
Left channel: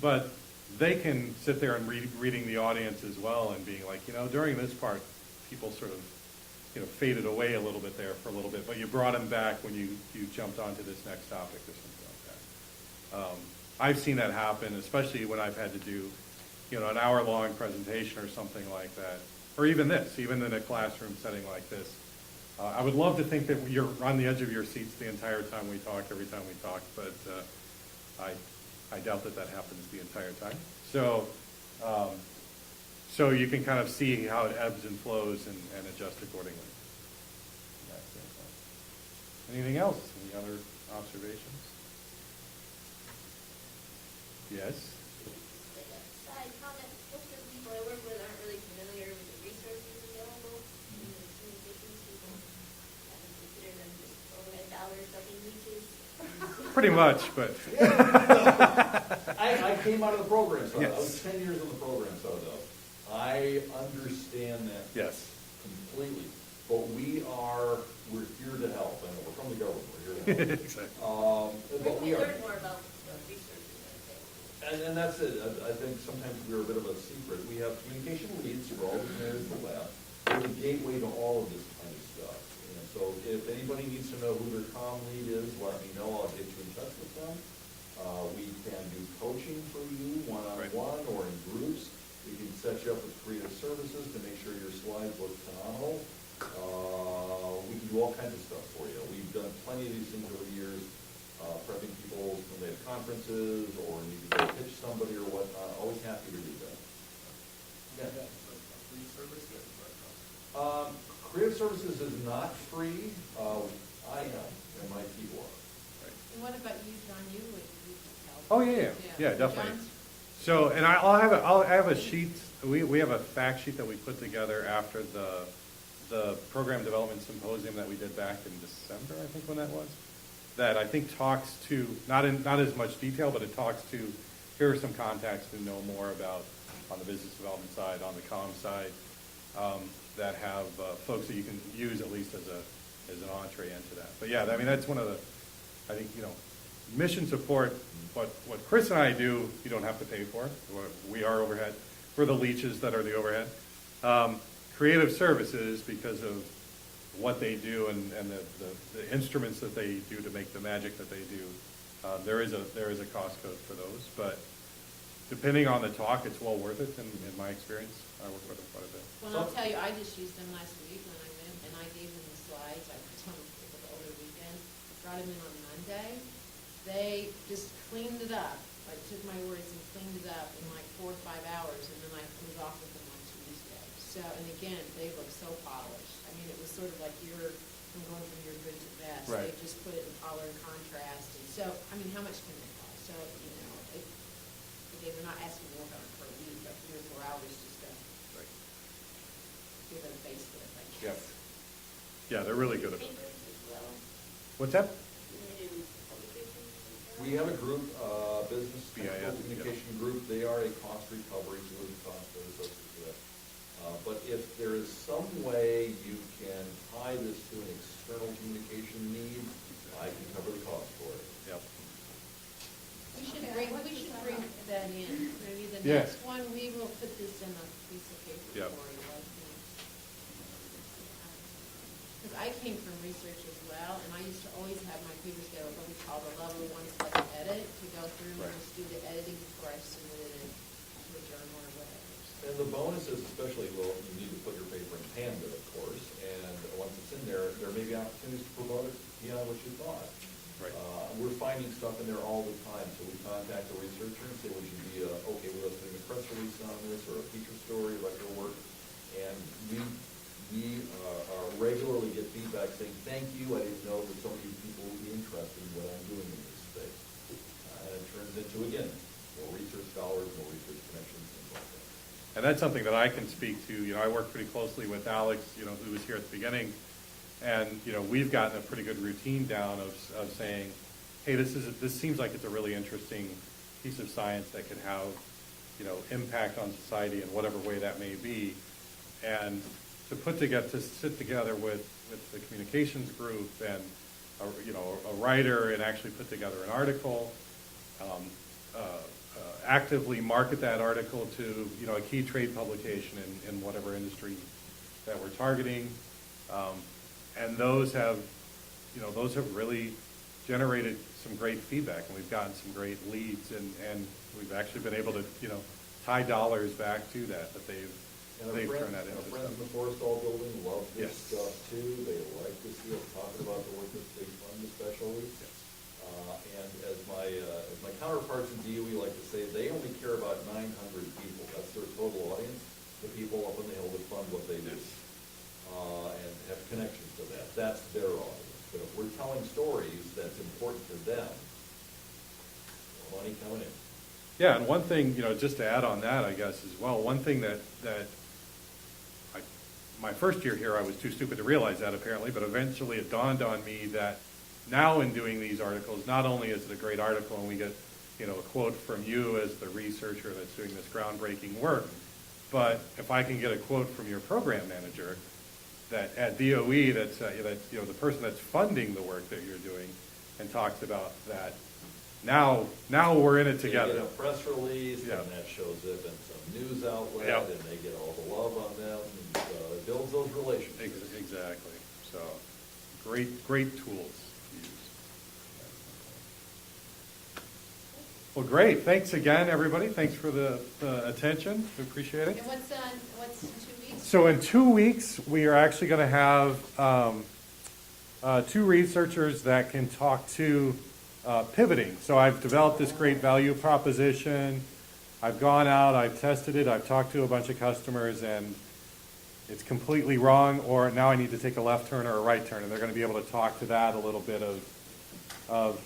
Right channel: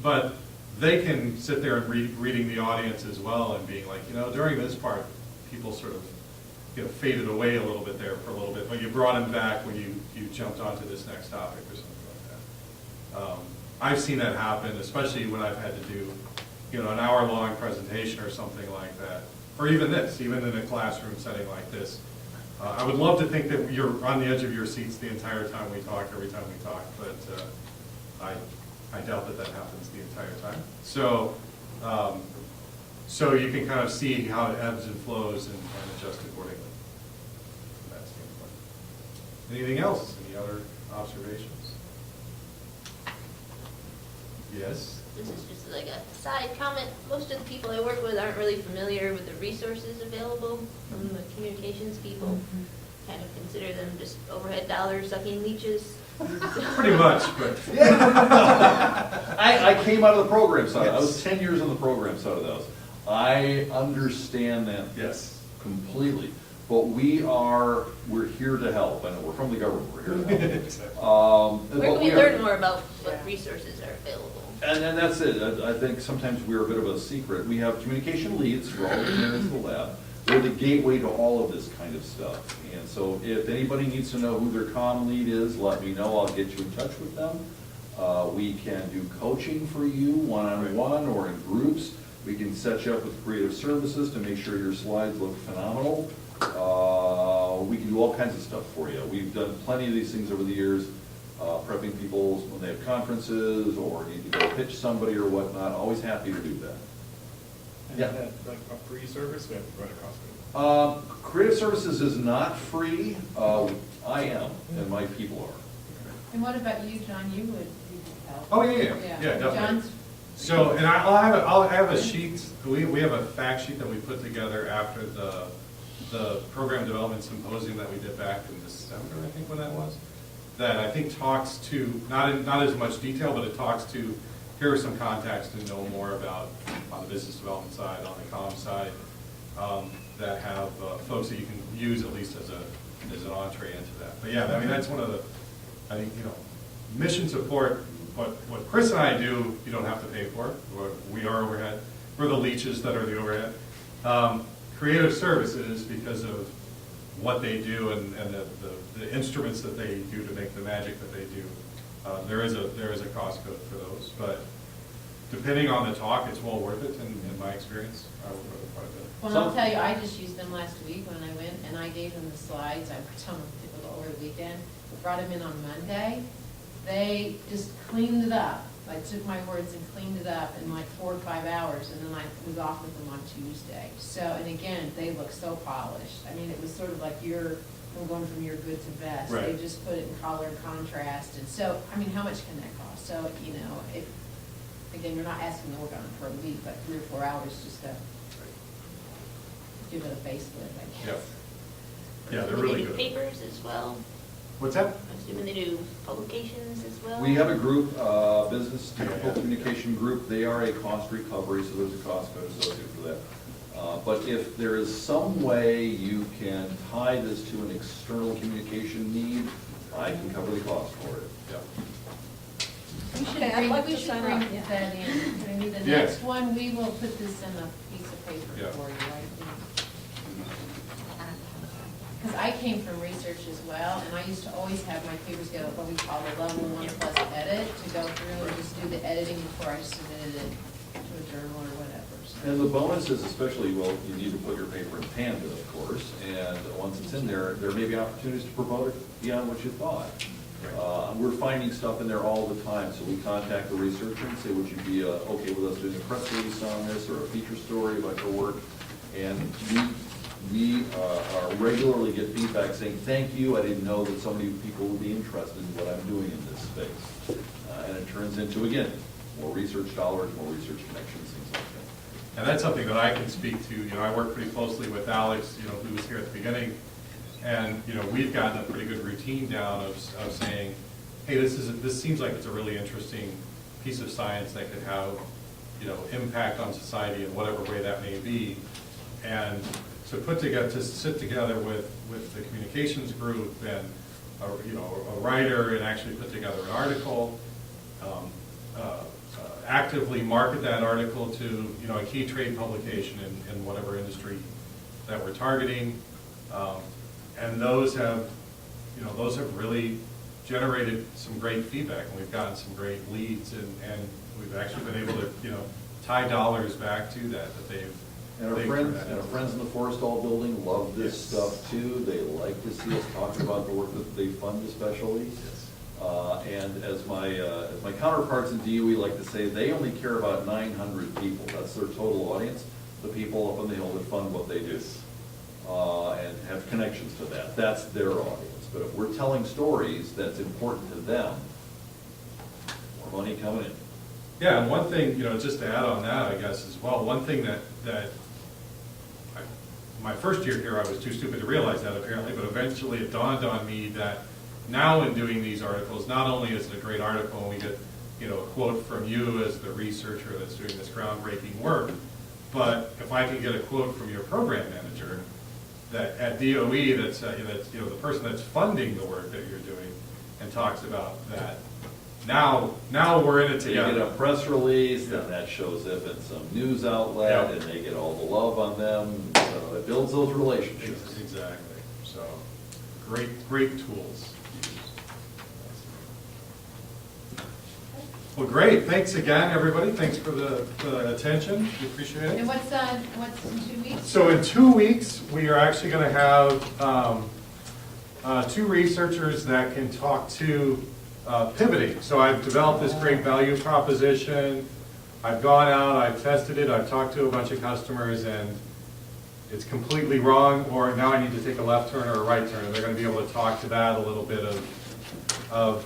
But they can sit there and reading the audience as well and being like, during this part, people sort of faded away a little bit there for a little bit, but you brought him back when you jumped onto this next topic or something like that. I've seen that happen, especially when I've had to do, an hour-long presentation or something like that, or even in a classroom setting like this. I would love to think that you're on the edge of your seats the entire time we talk, every time we talk, but I doubt that happens the entire time. So you can kind of see how it ebbs and flows and adjust accordingly from that standpoint. Anything else? Any other observations? Yes? This is just like a side comment. Most of the people I work with aren't really familiar with the resources available from the communications people. Kind of consider them just overhead dollar sucking leeches. Pretty much, but. I came out of the program side. I was 10 years on the program side of those. I understand that Yes. completely. But we're here to help. I know, we're from the government, we're here to Exactly. help. Where But can we are- learn more about what resources are available? And that's it. I think sometimes we're a bit of a secret. We have communication leads, we're all in there as the lab. We're the gateway to all of this kind of stuff. And so if anybody needs to know who their comm lead is, let me know. I'll get you in touch with them. We can do coaching for you, one-on-one or in groups. We can set you up with creative services to make sure your slides look phenomenal. We can do all kinds of stuff for you. We've done plenty of these things over the years, prepping people when they have conferences or need to go pitch somebody or whatnot. Always happy to do that. Yeah. Like a free service, we have to run across it. Creative services is not free. I am, and my people are. And what about you, John? You would help. Oh, yeah, definitely. John's, So, and I have a sheet, we have a fact sheet that we put together after the program development symposium that we did back in December, I think when that was, that I think talks to, not as much detail, but it talks to, here are some contacts to know more about on the business development side, on the comm side, that have folks that you can use at least as an entree into that. But yeah, I mean, that's one of the, I think, mission support, what Chris and I do, you don't have to pay for. We are overhead. We're the leeches that are the overhead. Creative services, because of what they do and the instruments that they do to make the magic that they do, there is a cost for those. But depending on the talk, it's well worth it in my experience. Worth it quite a bit. well, I'll tell you, I just used them last week when I went, and I gave them the slides. I worked on them over the weekend. Brought them in on Monday. They just cleaned it up. I took my words and cleaned it up in like 4 or 5 hours, and then I was off with them on Tuesday. So, and again, they look so polished. I mean, it was sort of like you're going from your good to best. Right. They just put it in color and contrast, and so, I mean, how much can that cost? So, if, again, you're not asking to work on it for a week, but 3 or 4 hours just to give it a facelift, I guess. Yeah, they're Do they really do good. papers as well? What's that? I'm assuming they do publications as well? We have a group, business technical Yeah. communication group. They are a cost recovery, so there's a cost associated with that. But if there is some way you can tie this to an external communication need, I can cover the cost for it. We should Okay, I'd bring, like we to should sign bring up, yeah. that in. Maybe the Yeah. next one, we will put this in a piece of paper Yeah. for you, I think. Because I came from research as well, and I used to always have my papers go what we call the level 1 plus edit, to go through and just do the editing before I submitted it to a journal or whatever. So- And the bonus is especially, well, you need to put your paper in Panda, of course, and once it's in there, there may be opportunities to promote it beyond what you thought. We're finding stuff in there all the time, so we contact the researcher and say, would you be okay with us doing a press release on this or a feature story about your work? And we regularly get feedback saying, thank you, I didn't know that so many people would be interested in what I'm doing in this space. And it turns into, again, more research dollars, more research connections, things like that. And that's something that I can speak to. I work pretty closely with Alex, who was here at the beginning. And, we've gotten a pretty good routine down of saying, hey, this seems like it's a really interesting piece of science that could have, impact on society in whatever way that may be. And to sit together with the communications group and, a writer and actually put together an article, actively market that article to, a key trade publication in whatever industry that we're targeting. And those have really generated some great feedback, and we've gotten some great leads, and we've actually been able to, tie dollars back to that they've. And our they've friends, turned that and our into. friends in the Forestall building love this Yes. stuff too. They like to see us talking about the work that they fund especially. And as my counterparts in DOE like to say, they only care about 900 people. That's their total audience, the people up on the hill that fund what they do. And have connections to that. That's their audience. But if we're telling stories that's important to them, more money coming in. Yeah, and one thing, just to add on that, I guess, as well, one thing that my first year here, I was too stupid to realize that apparently, but eventually it dawned on me that now in doing these articles, not only is it a great article and we get, you know, a quote from you as the researcher that's doing this groundbreaking work, but if I can get a quote from your program manager that at DOE, that's you know, the person that's funding the work that you're doing, and talks about that, now we're in it So you get together. a press release, Yeah. and that shows up in some news outlet, Yeah. and they get all the love on them, so it builds those relationships. Exactly, so, great tools. Well, great, thanks again, everybody, thanks for the attention, we appreciate it. And what's in 2 weeks? So in 2 weeks, we are actually gonna have, two researchers that can talk to pivoting. So I've developed this great value proposition, I've gone out, I've tested it, I've talked to a bunch of customers, and it's completely wrong, or now I need to take a left turn or a right turn, and they're gonna be able to talk to that a little bit of,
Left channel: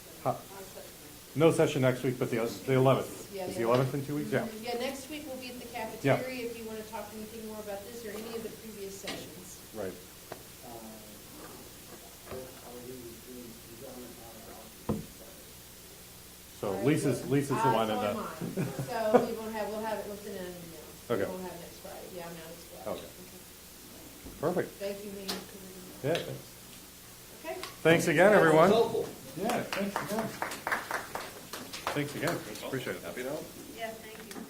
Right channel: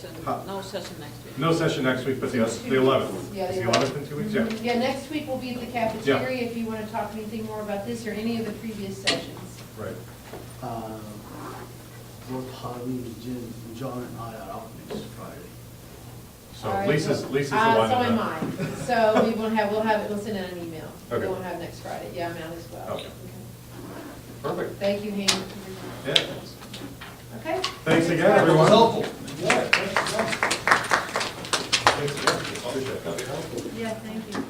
So no session next week. no session next week, but the 11th. Yeah, Is the the 11th in 2 weeks? Yeah. Yeah, next week we'll be at the cafeteria if you want to talk anything more about this or any of the previous sessions. Right. Both Harvey, Jim, John, and I are out next Friday. So All right. Lisa's the one. So am that- I. So we will have, we'll send out an email. Okay. We won't have next Friday. Yeah, I'm out as well. Okay. Perfect. Thank you, Hank. Yeah. Okay? Thanks again, It was everyone. helpful. Thanks again. Appreciate it. Yeah, thank you.